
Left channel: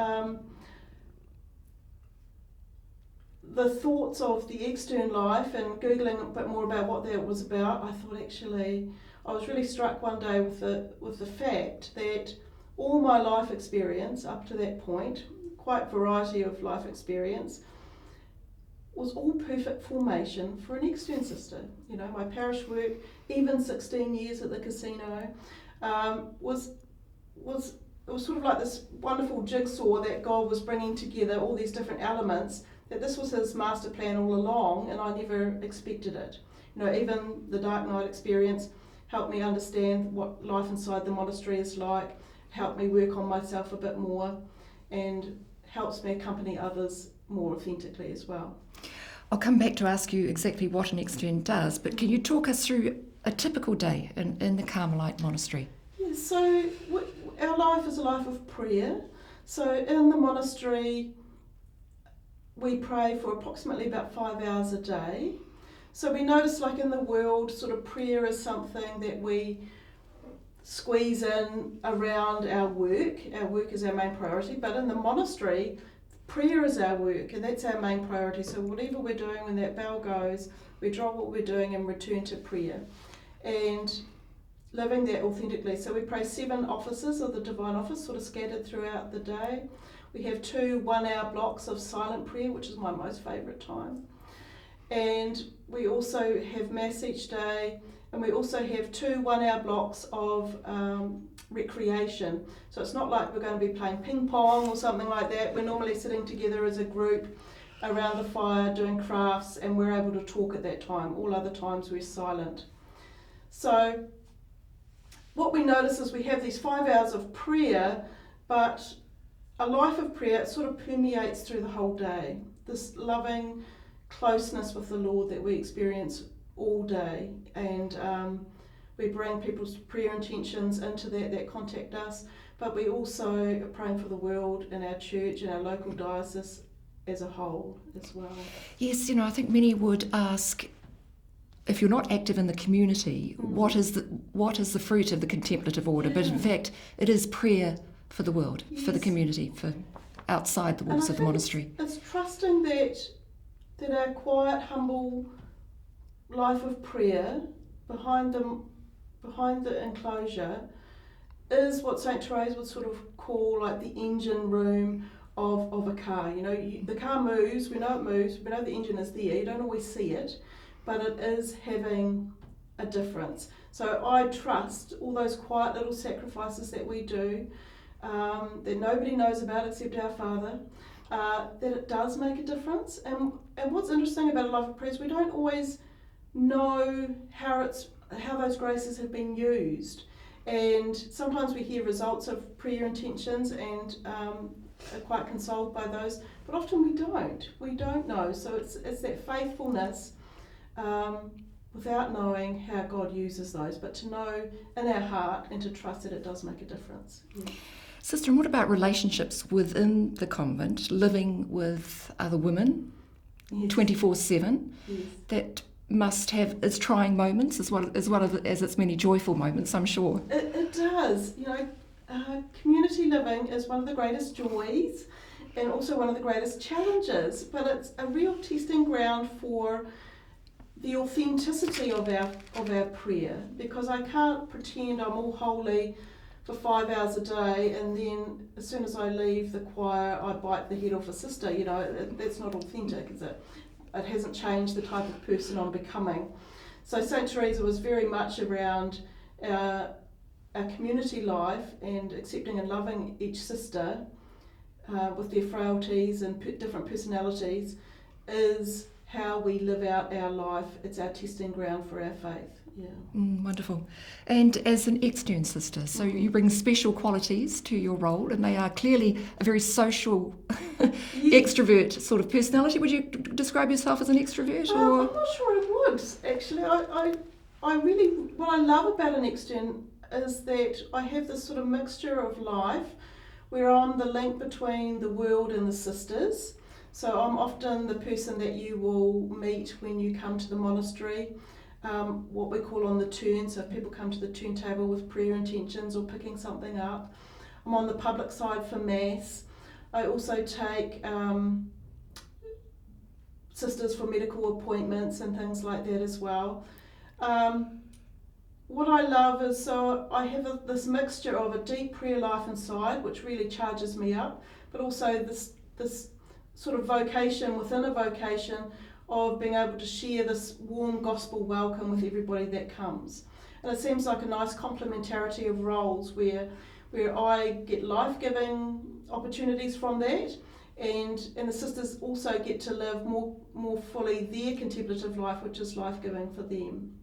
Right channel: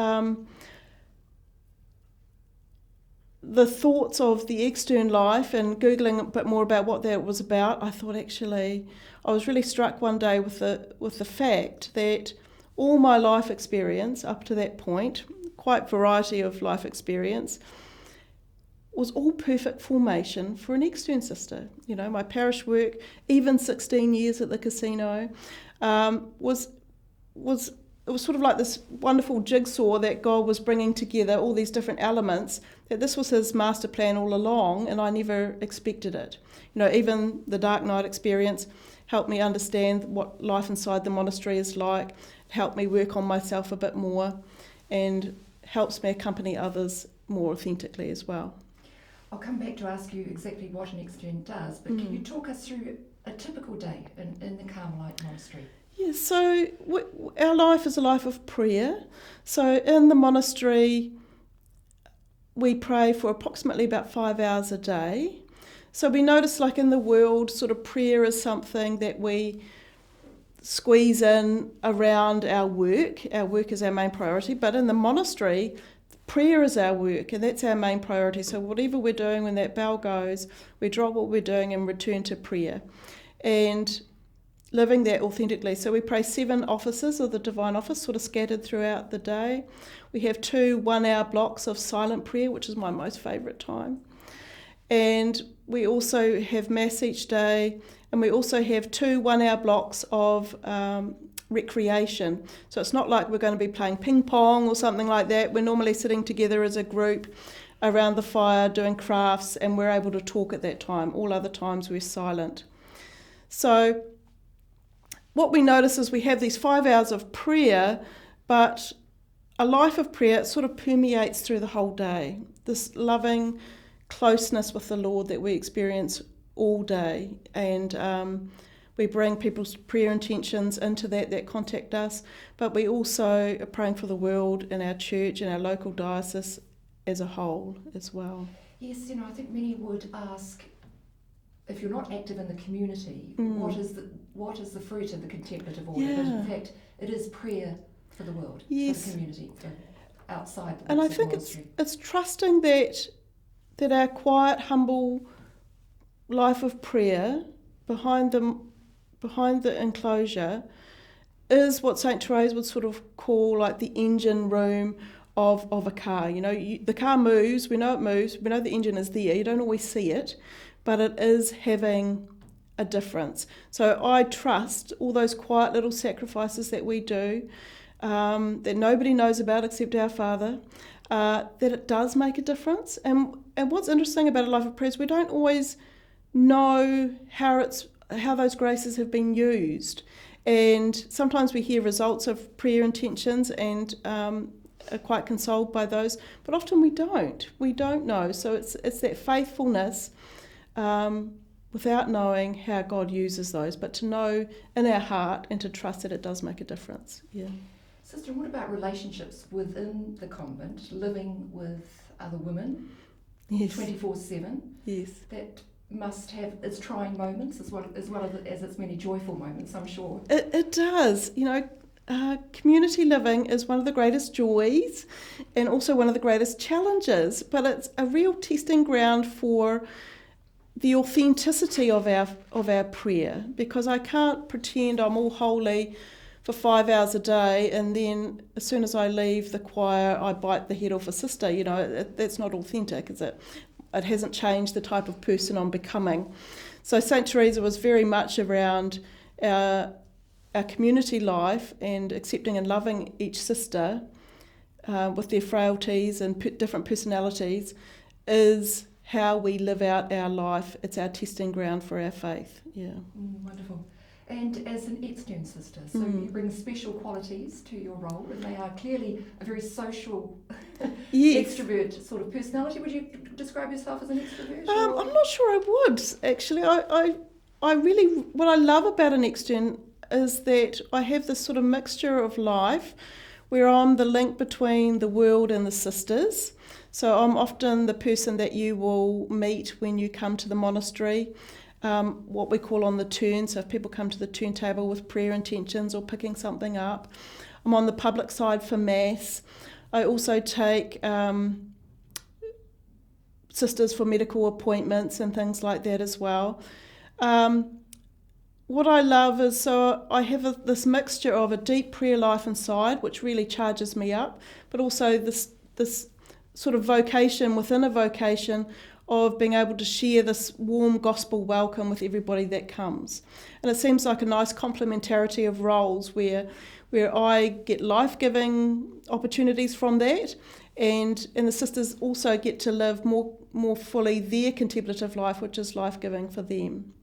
the thoughts of the extern life and Googling a bit more about what that was about, I thought actually, I was really struck one day with the fact that all my life experience up to that point, quite variety of life experience, was all perfect formation for an extern sister. My parish work, even 16 years at the casino, was sort of like this wonderful jigsaw that God was bringing together, all these different elements, that this was his master plan all along, and I never expected it. Even the dark night experience helped me understand what life inside the monastery is like, helped me work on myself a bit more, and helps me accompany others more authentically as well. I'll come back to ask you exactly what an extern does, but can you talk us through a typical day in the Carmelite Monastery? Yeah, so our life is a life of prayer. So in the monastery, we pray for approximately about 5 hours a day. So we notice, like in the world, sort of prayer is something that we squeeze in around our work. Our work is our main priority, but in the monastery, prayer is our work, and that's our main priority. So whatever we're doing, when that bell goes, we drop what we're doing and return to prayer. And living that authentically. So we pray 7 offices of the Divine Office, sort of scattered throughout the day. We have 2 one-hour blocks of silent prayer, which is my most favourite time. And we also have Mass each day, and we also have 2 one-hour blocks of recreation. So it's not like we're going to be playing ping pong or something like that. We're normally sitting together as a group around the fire doing crafts, and we're able to talk at that time. All other times we're silent. So what we notice is we have these 5 hours of prayer, but a life of prayer sort of permeates through the whole day. This loving closeness with the Lord that we experience all day, and we bring people's prayer intentions into that contact us, but we also are praying for the world and our church and our local diocese as a whole as well. Yes, I think many would ask, if you're not active in the community, what is the fruit of the contemplative order? Yeah. But in fact, it is prayer for the world, yes, for the community, for outside the walls of the monastery. It's trusting that our quiet, humble life of prayer behind the enclosure is what St. Therese would sort of call like the engine room of a car. The car moves, we know it moves, we know the engine is there, you don't always see it, but it is having a difference. So I trust all those quiet little sacrifices that we do, that nobody knows about except our Father, that it does make a difference. And what's interesting about a life of prayer is we don't always know how those graces have been used. And sometimes we hear results of prayer intentions and are quite consoled by those, but often we don't. We don't know. So it's that faithfulness without knowing how God uses those, but to know in our heart and to trust that it does make a difference. Yeah. Sister, and what about relationships within the convent, living with other women 24/7? Yes. That must have its trying moments as well as its many joyful moments, I'm sure. It does. Community living is one of the greatest joys and also one of the greatest challenges, but it's a real testing ground for the authenticity of our prayer, because I can't pretend I'm all holy for 5 hours a day and then as soon as I leave the choir I bite the head off a sister. That's not authentic, is it? It hasn't changed the type of person I'm becoming. So St. Teresa was very much around our community life and accepting and loving each sister with their frailties and different personalities is how we live out our life. It's our testing ground for our faith. Yeah. Wonderful. And as an extern sister, so you bring special qualities to your role, and they are clearly a very social extrovert sort of personality. Would you describe yourself as an extrovert? I'm not sure I would, actually. I really, what I love about an extern is that I have this sort of mixture of life where I'm the link between the world and the sisters. So I'm often the person that you will meet when you come to the monastery, what we call on the turn. So if people come to the turntable with prayer intentions or picking something up, I'm on the public side for Mass. I also take sisters for medical appointments and things like that as well. What I love is, so I have this mixture of a deep prayer life inside, which really charges me up, but also this sort of vocation within a vocation of being able to share this warm gospel welcome with everybody that comes. And it seems like a nice complementarity of roles where I get life-giving opportunities from that, and the sisters also get to live more fully their contemplative life, which is life-giving for them.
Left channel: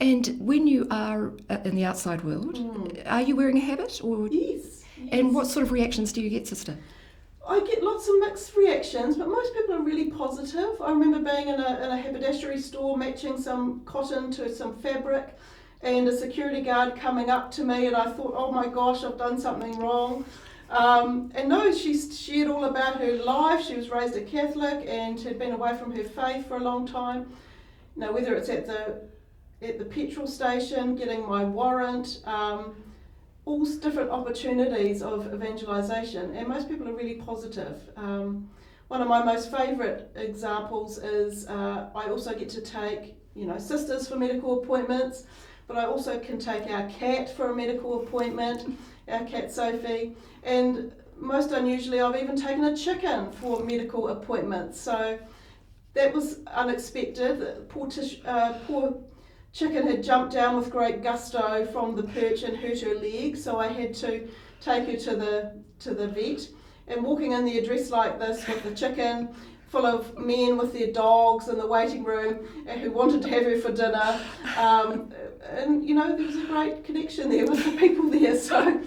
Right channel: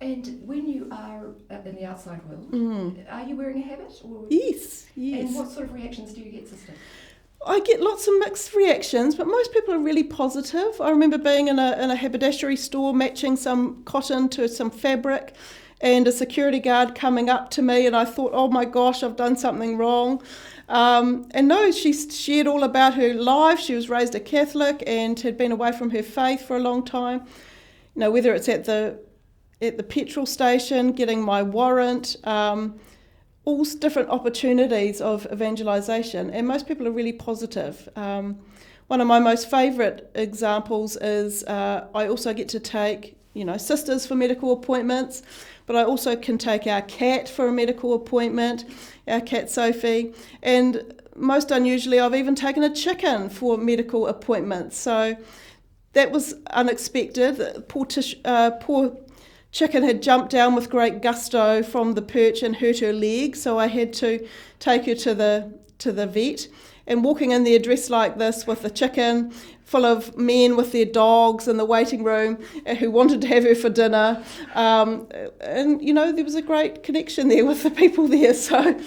And when you are in the outside world, are you wearing a habit? Or? Yes. And what sort of reactions do you get, sister? I get lots of mixed reactions, but most people are really positive. I remember being in a haberdashery store matching some cotton to some fabric, and a security guard coming up to me, and I thought, oh my gosh, I've done something wrong. And no, she shared all about her life. She was raised a Catholic and had been away from her faith for a long time. Whether it's at the petrol station, getting my warrant, all different opportunities of evangelisation, and most people are really positive. One of my most favourite examples is I also get to take, sisters for medical appointments, but I also can take our cat for a medical appointment, our cat Sophie, and most unusually I've even taken a chicken for medical appointments. So that was unexpected. The poor chicken had jumped down with great gusto from the perch and hurt her leg, so I had to take her to the vet. And walking in there dressed like this with the chicken, full of men with their dogs in the waiting room who wanted to have her for dinner, and there was a great connection there with the people there. So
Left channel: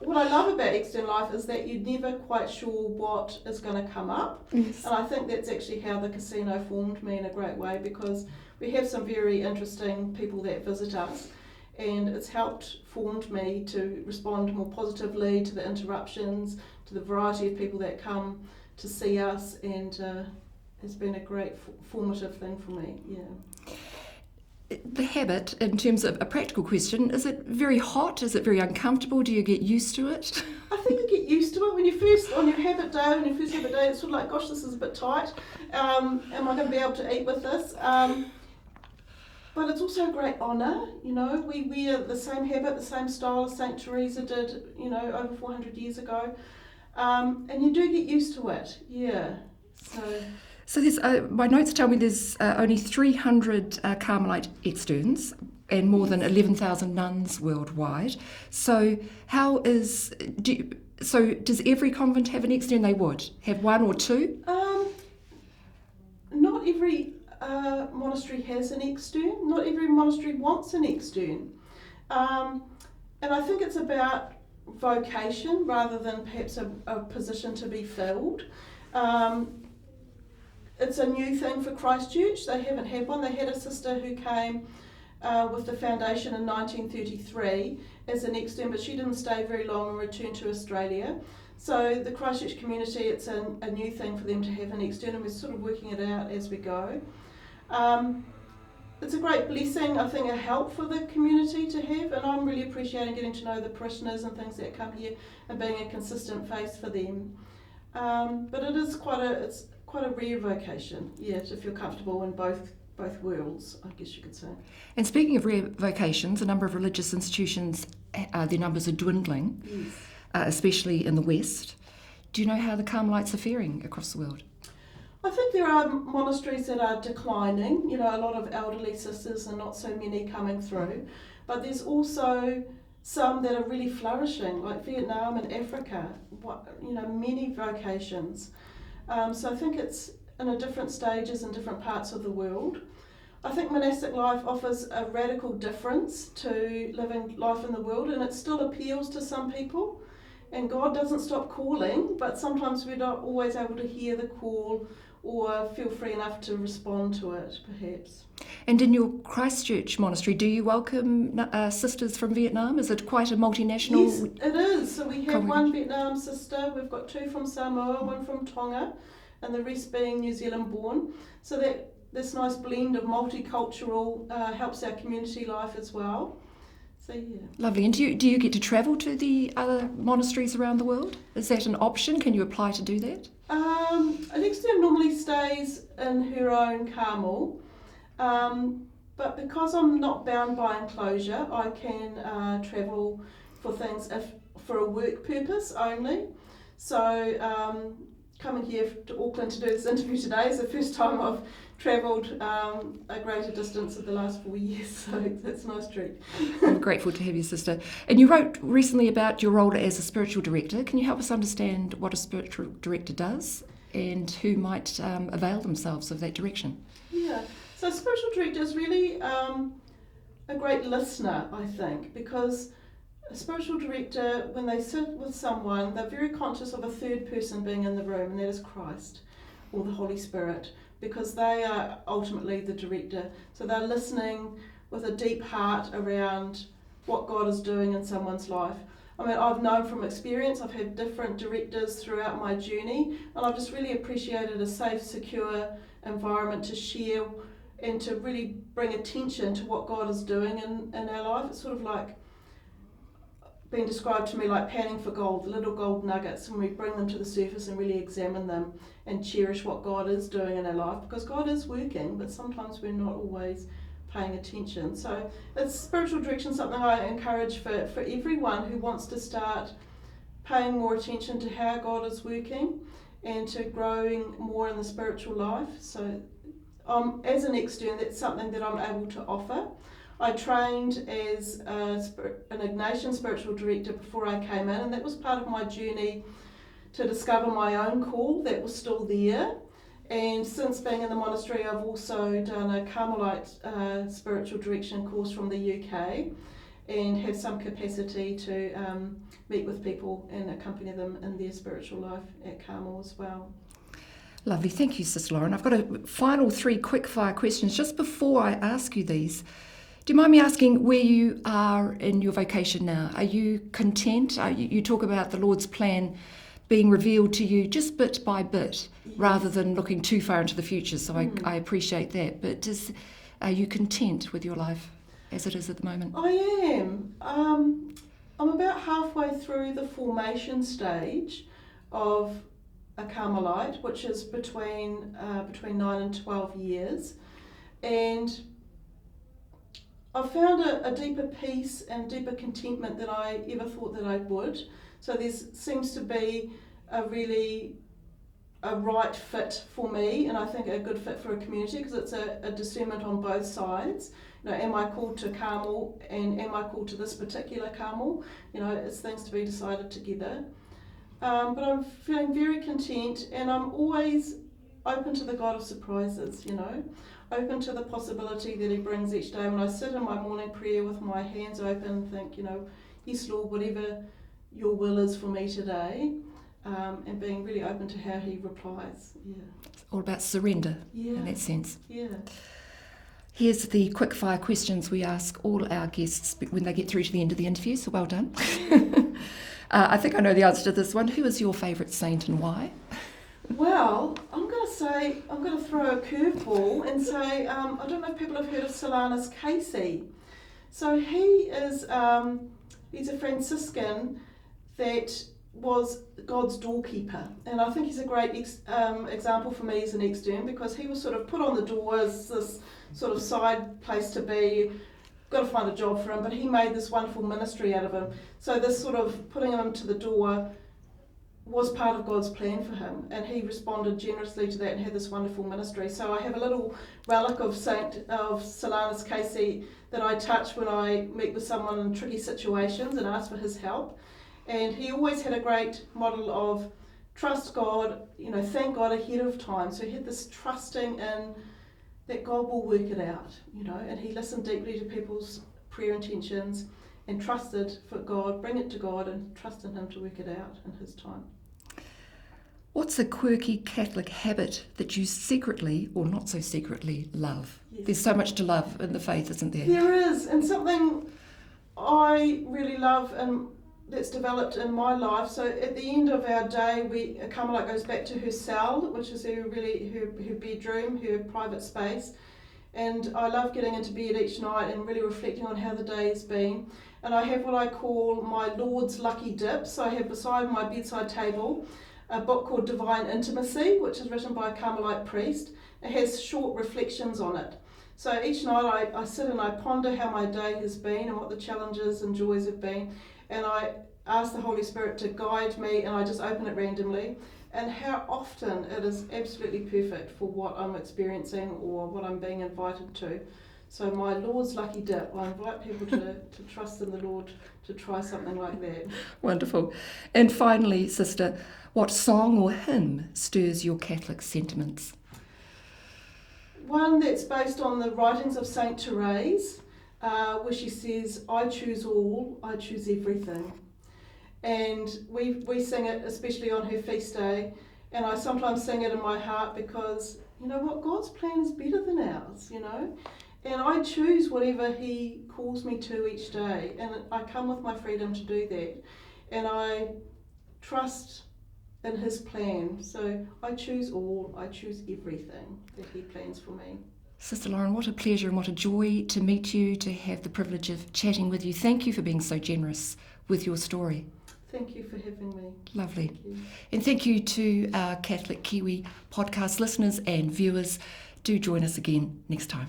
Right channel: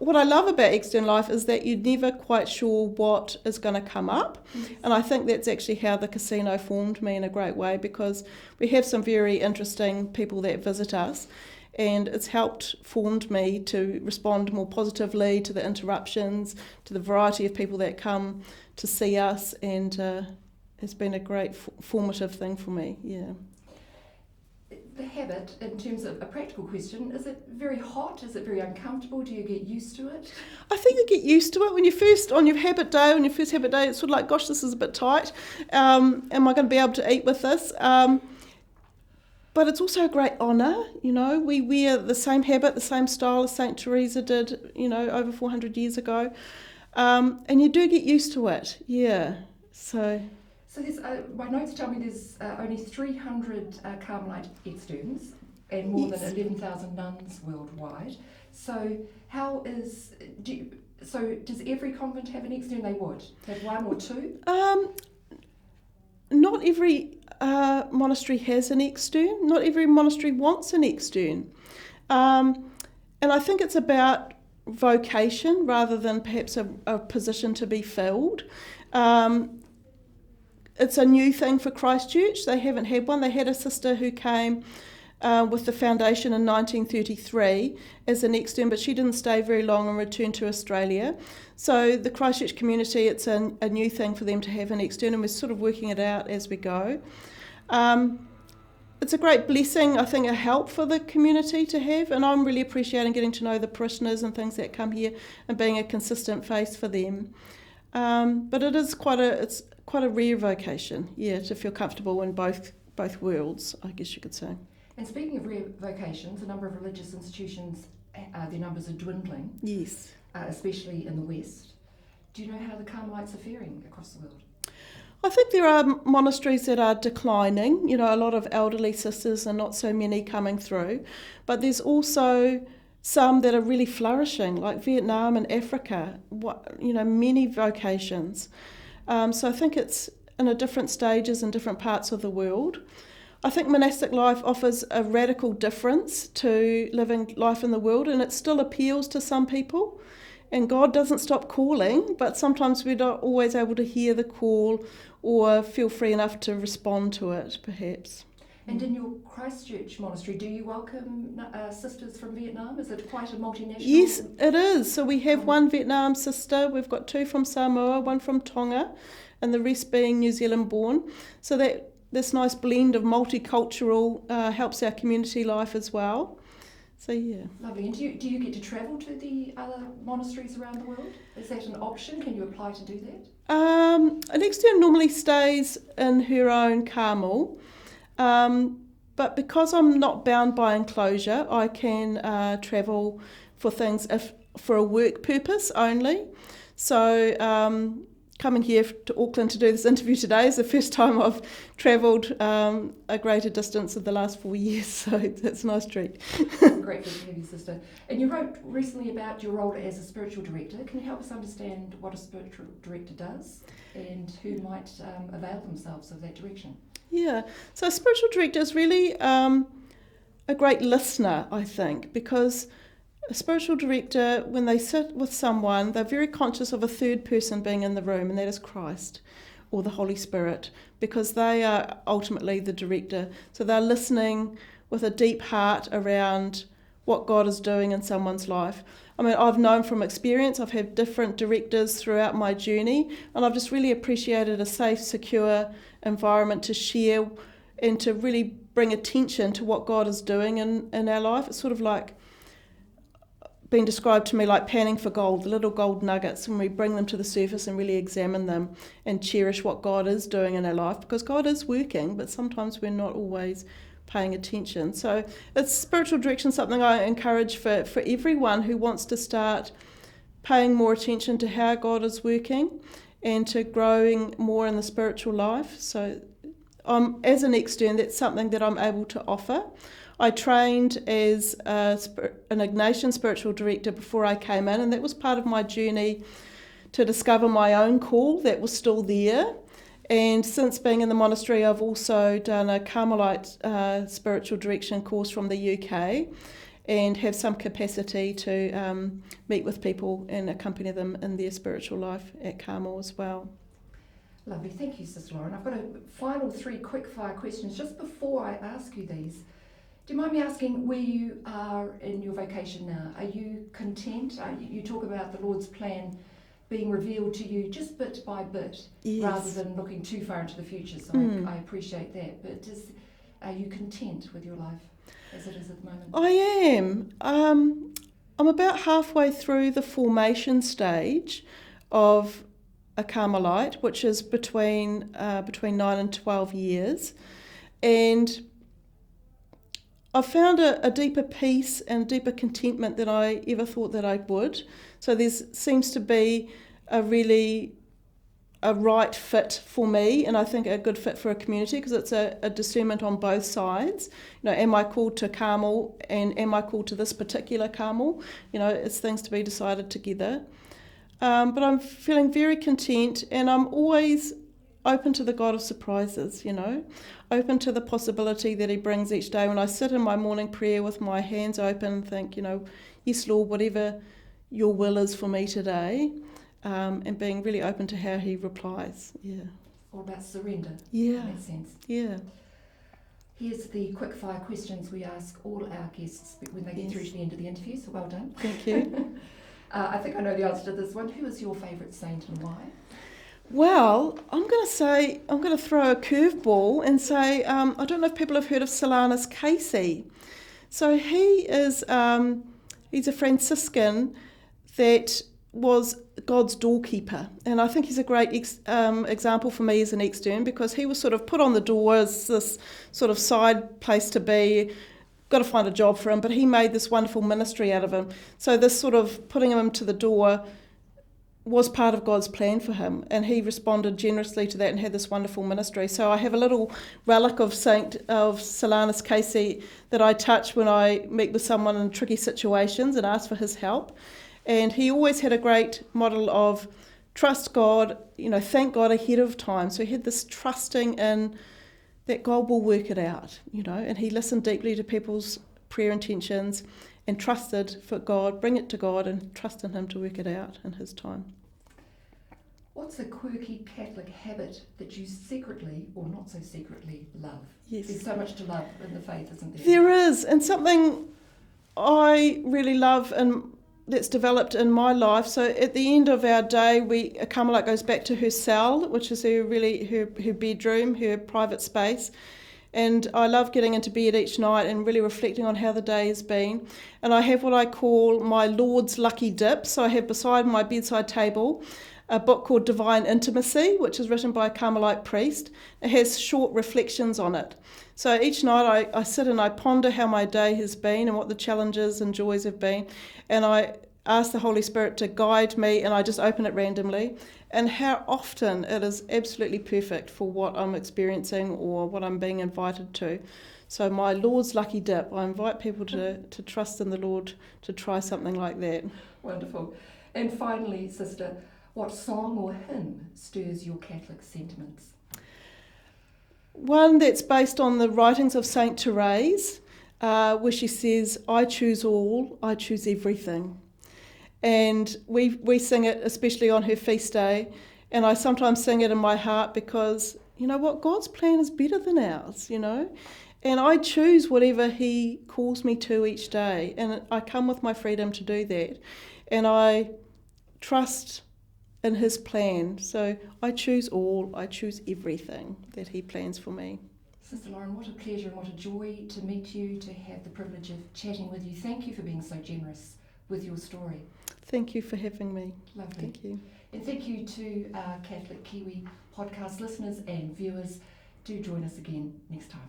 what I love about extern life is that you're never quite sure what is going to come up. Yes. And I think that's actually how the casino formed me in a great way, because we have some very interesting people that visit us, and it's formed me to respond more positively to the interruptions, to the variety of people that come to see us, and it's been a great formative thing for me. Yeah. The habit, in terms of a practical question, is it very hot? Is it very uncomfortable? Do you get used to it? I think you get used to it. When you're first on your habit day, it's sort of like, gosh, this is a bit tight. Am I going to be able to eat with this? But it's also a great honour. We wear the same habit, the same style as St. Teresa did, over 400 years ago. And you do get used to it, yeah. So there's, my notes tell me there's only 300 Carmelite externs and more than 11,000 nuns worldwide. So does every convent have an extern? They would have one or two? Not every monastery has an extern. Not every monastery wants an extern. And I think it's about vocation rather than perhaps a position to be filled. It's a new thing for Christchurch. They haven't had one. They had a sister who came with the foundation in 1933 as an extern, but she didn't stay very long and returned to Australia. So the Christchurch community, it's a new thing for them to have an extern, and we're sort of working it out as we go. It's a great blessing, I think, a help for the community to have, and I'm really appreciating getting to know the parishioners and things that come here and being a consistent face for them. But it is quite a rare vocation, to feel comfortable in both worlds, I guess you could say. And speaking of rare vocations, a number of religious institutions, their numbers are dwindling, Yes. Especially in the West. Do you know how the Carmelites are faring across the world? I think there are monasteries that are declining, a lot of elderly sisters and not so many coming through, but there's also some that are really flourishing, like Vietnam and Africa, many vocations. So I think it's in a different stages in different parts of the world. I think monastic life offers a radical difference to living life in the world, and it still appeals to some people. And God doesn't stop calling, but sometimes we're not always able to hear the call or feel free enough to respond to it, perhaps. And in your Christchurch monastery, do you welcome sisters from Vietnam? Is it quite a multinational? Yes, it is. So we have one Vietnam sister, we've got two from Samoa, one from Tonga, and the rest being New Zealand born. So this nice blend of multicultural helps our community life as well. So yeah. Lovely. And do you get to travel to the other monasteries around the world? Is that an option? Can you apply to do that? An extern normally stays in her own Carmel, but because I'm not bound by enclosure, I can travel for things for a work purpose only. So coming here to Auckland to do this interview today is the first time I've travelled a greater distance in the last 4 years, so that's a nice treat. I'm grateful to have you, sister. And you wrote recently about your role as a spiritual director. Can you help us understand what a spiritual director does and who might avail themselves of that direction? Yeah, so a spiritual director is really a great listener, I think, because a spiritual director, when they sit with someone, they're very conscious of a third person being in the room, and that is Christ or the Holy Spirit, because they are ultimately the director. So they're listening with a deep heart around what God is doing in someone's life. I mean, I've known from experience, I've had different directors throughout my journey, and I've just really appreciated a safe, secure environment to share and to really bring attention to what God is doing in our life. It's sort of like been described to me like panning for gold, the little gold nuggets, when we bring them to the surface and really examine them and cherish what God is doing in our life, because God is working, but sometimes we're not always paying attention. So it's spiritual direction, something I encourage for everyone who wants to start paying more attention to how God is working and to growing more in the spiritual life. So as an extern, that's something that I'm able to offer. I trained as an Ignatian spiritual director before I came in, and that was part of my journey to discover my own call that was still there. And since being in the monastery, I've also done a Carmelite spiritual direction course from the UK and have some capacity to meet with people and accompany them in their spiritual life at Carmel as well. Lovely. Thank you, Sister Lauren. I've got a final 3 quick-fire questions. Just before I ask you these, do you mind me asking where you are in your vocation now? Are you content? You talk about the Lord's plan being revealed to you just bit by bit, yes, rather than looking too far into the future. So I appreciate that. But are you content with your life as it is at the moment? I am. I'm about halfway through the formation stage of a Carmelite, which is between 9 and 12 years. And I've found a deeper peace and deeper contentment than I ever thought that I would. So there seems to be a right fit for me, and I think a good fit for a community, because it's a discernment on both sides. Am I called to Carmel, and am I called to this particular Carmel? It's things to be decided together. But I'm feeling very content, and I'm always open to the God of surprises, open to the possibility that he brings each day. When I sit in my morning prayer with my hands open, think, yes, Lord, whatever your will is for me today, and being really open to how he replies. Yeah. It's all about surrender in that sense. Yeah. Here's the quick fire questions we ask all our guests when they get through to the end of the interview, so well done. Thank you. I think I know the answer to this one. Who is your favourite saint and why? Well, I'm going to throw a curveball and say, I don't know if people have heard of Solanus Casey. So he is, he's a Franciscan that was God's doorkeeper. And I think he's a great example for me as an extern, because he was sort of put on the door as this sort of side place to be. Got to find a job for him, but he made this wonderful ministry out of him. So this sort of putting him to the door was part of God's plan for him, and he responded generously to that and had this wonderful ministry. So I have a little relic of Solanus Casey that I touch when I meet with someone in tricky situations and ask for his help. And he always had a great model of trust God, thank God ahead of time. So he had this trusting in that God will work it out, and he listened deeply to people's prayer intentions and trusted for God, bring it to God and trust in him to work it out in his time. What's a quirky Catholic habit that you secretly, or not so secretly, love? Yes. There's so much to love in the faith, isn't there? There is, and something I really love and that's developed in my life. So at the end of our day, a Carmelite goes back to her cell, which is her bedroom, her private space. And I love getting into bed each night and really reflecting on how the day has been. And I have what I call my Lord's Lucky Dip. So I have beside my bedside table a book called Divine Intimacy, which is written by a Carmelite priest. It has short reflections on it. So each night I sit and I ponder how my day has been and what the challenges and joys have been. And I ask the Holy Spirit to guide me, and I just open it randomly. And how often it is absolutely perfect for what I'm experiencing or what I'm being invited to. So my Lord's Lucky Dip, I invite people to trust in the Lord to try something like that. Wonderful. And finally, Sister, what song or hymn stirs your Catholic sentiments? One that's based on the writings of Saint Therese, where she says, I choose all, I choose everything. And we sing it especially on her feast day, and I sometimes sing it in my heart because, God's plan is better than ours, and I choose whatever he calls me to each day, and I come with my freedom to do that, and I trust in his plan. So I choose all, I choose everything that he plans for me. Sister Lauren, what a pleasure and what a joy to meet you, to have the privilege of chatting with you. Thank you for being so generous with your story. Thank you for having me. Lovely. Thank you. And thank you to our Catholic Kiwi podcast listeners and viewers. Do join us again next time.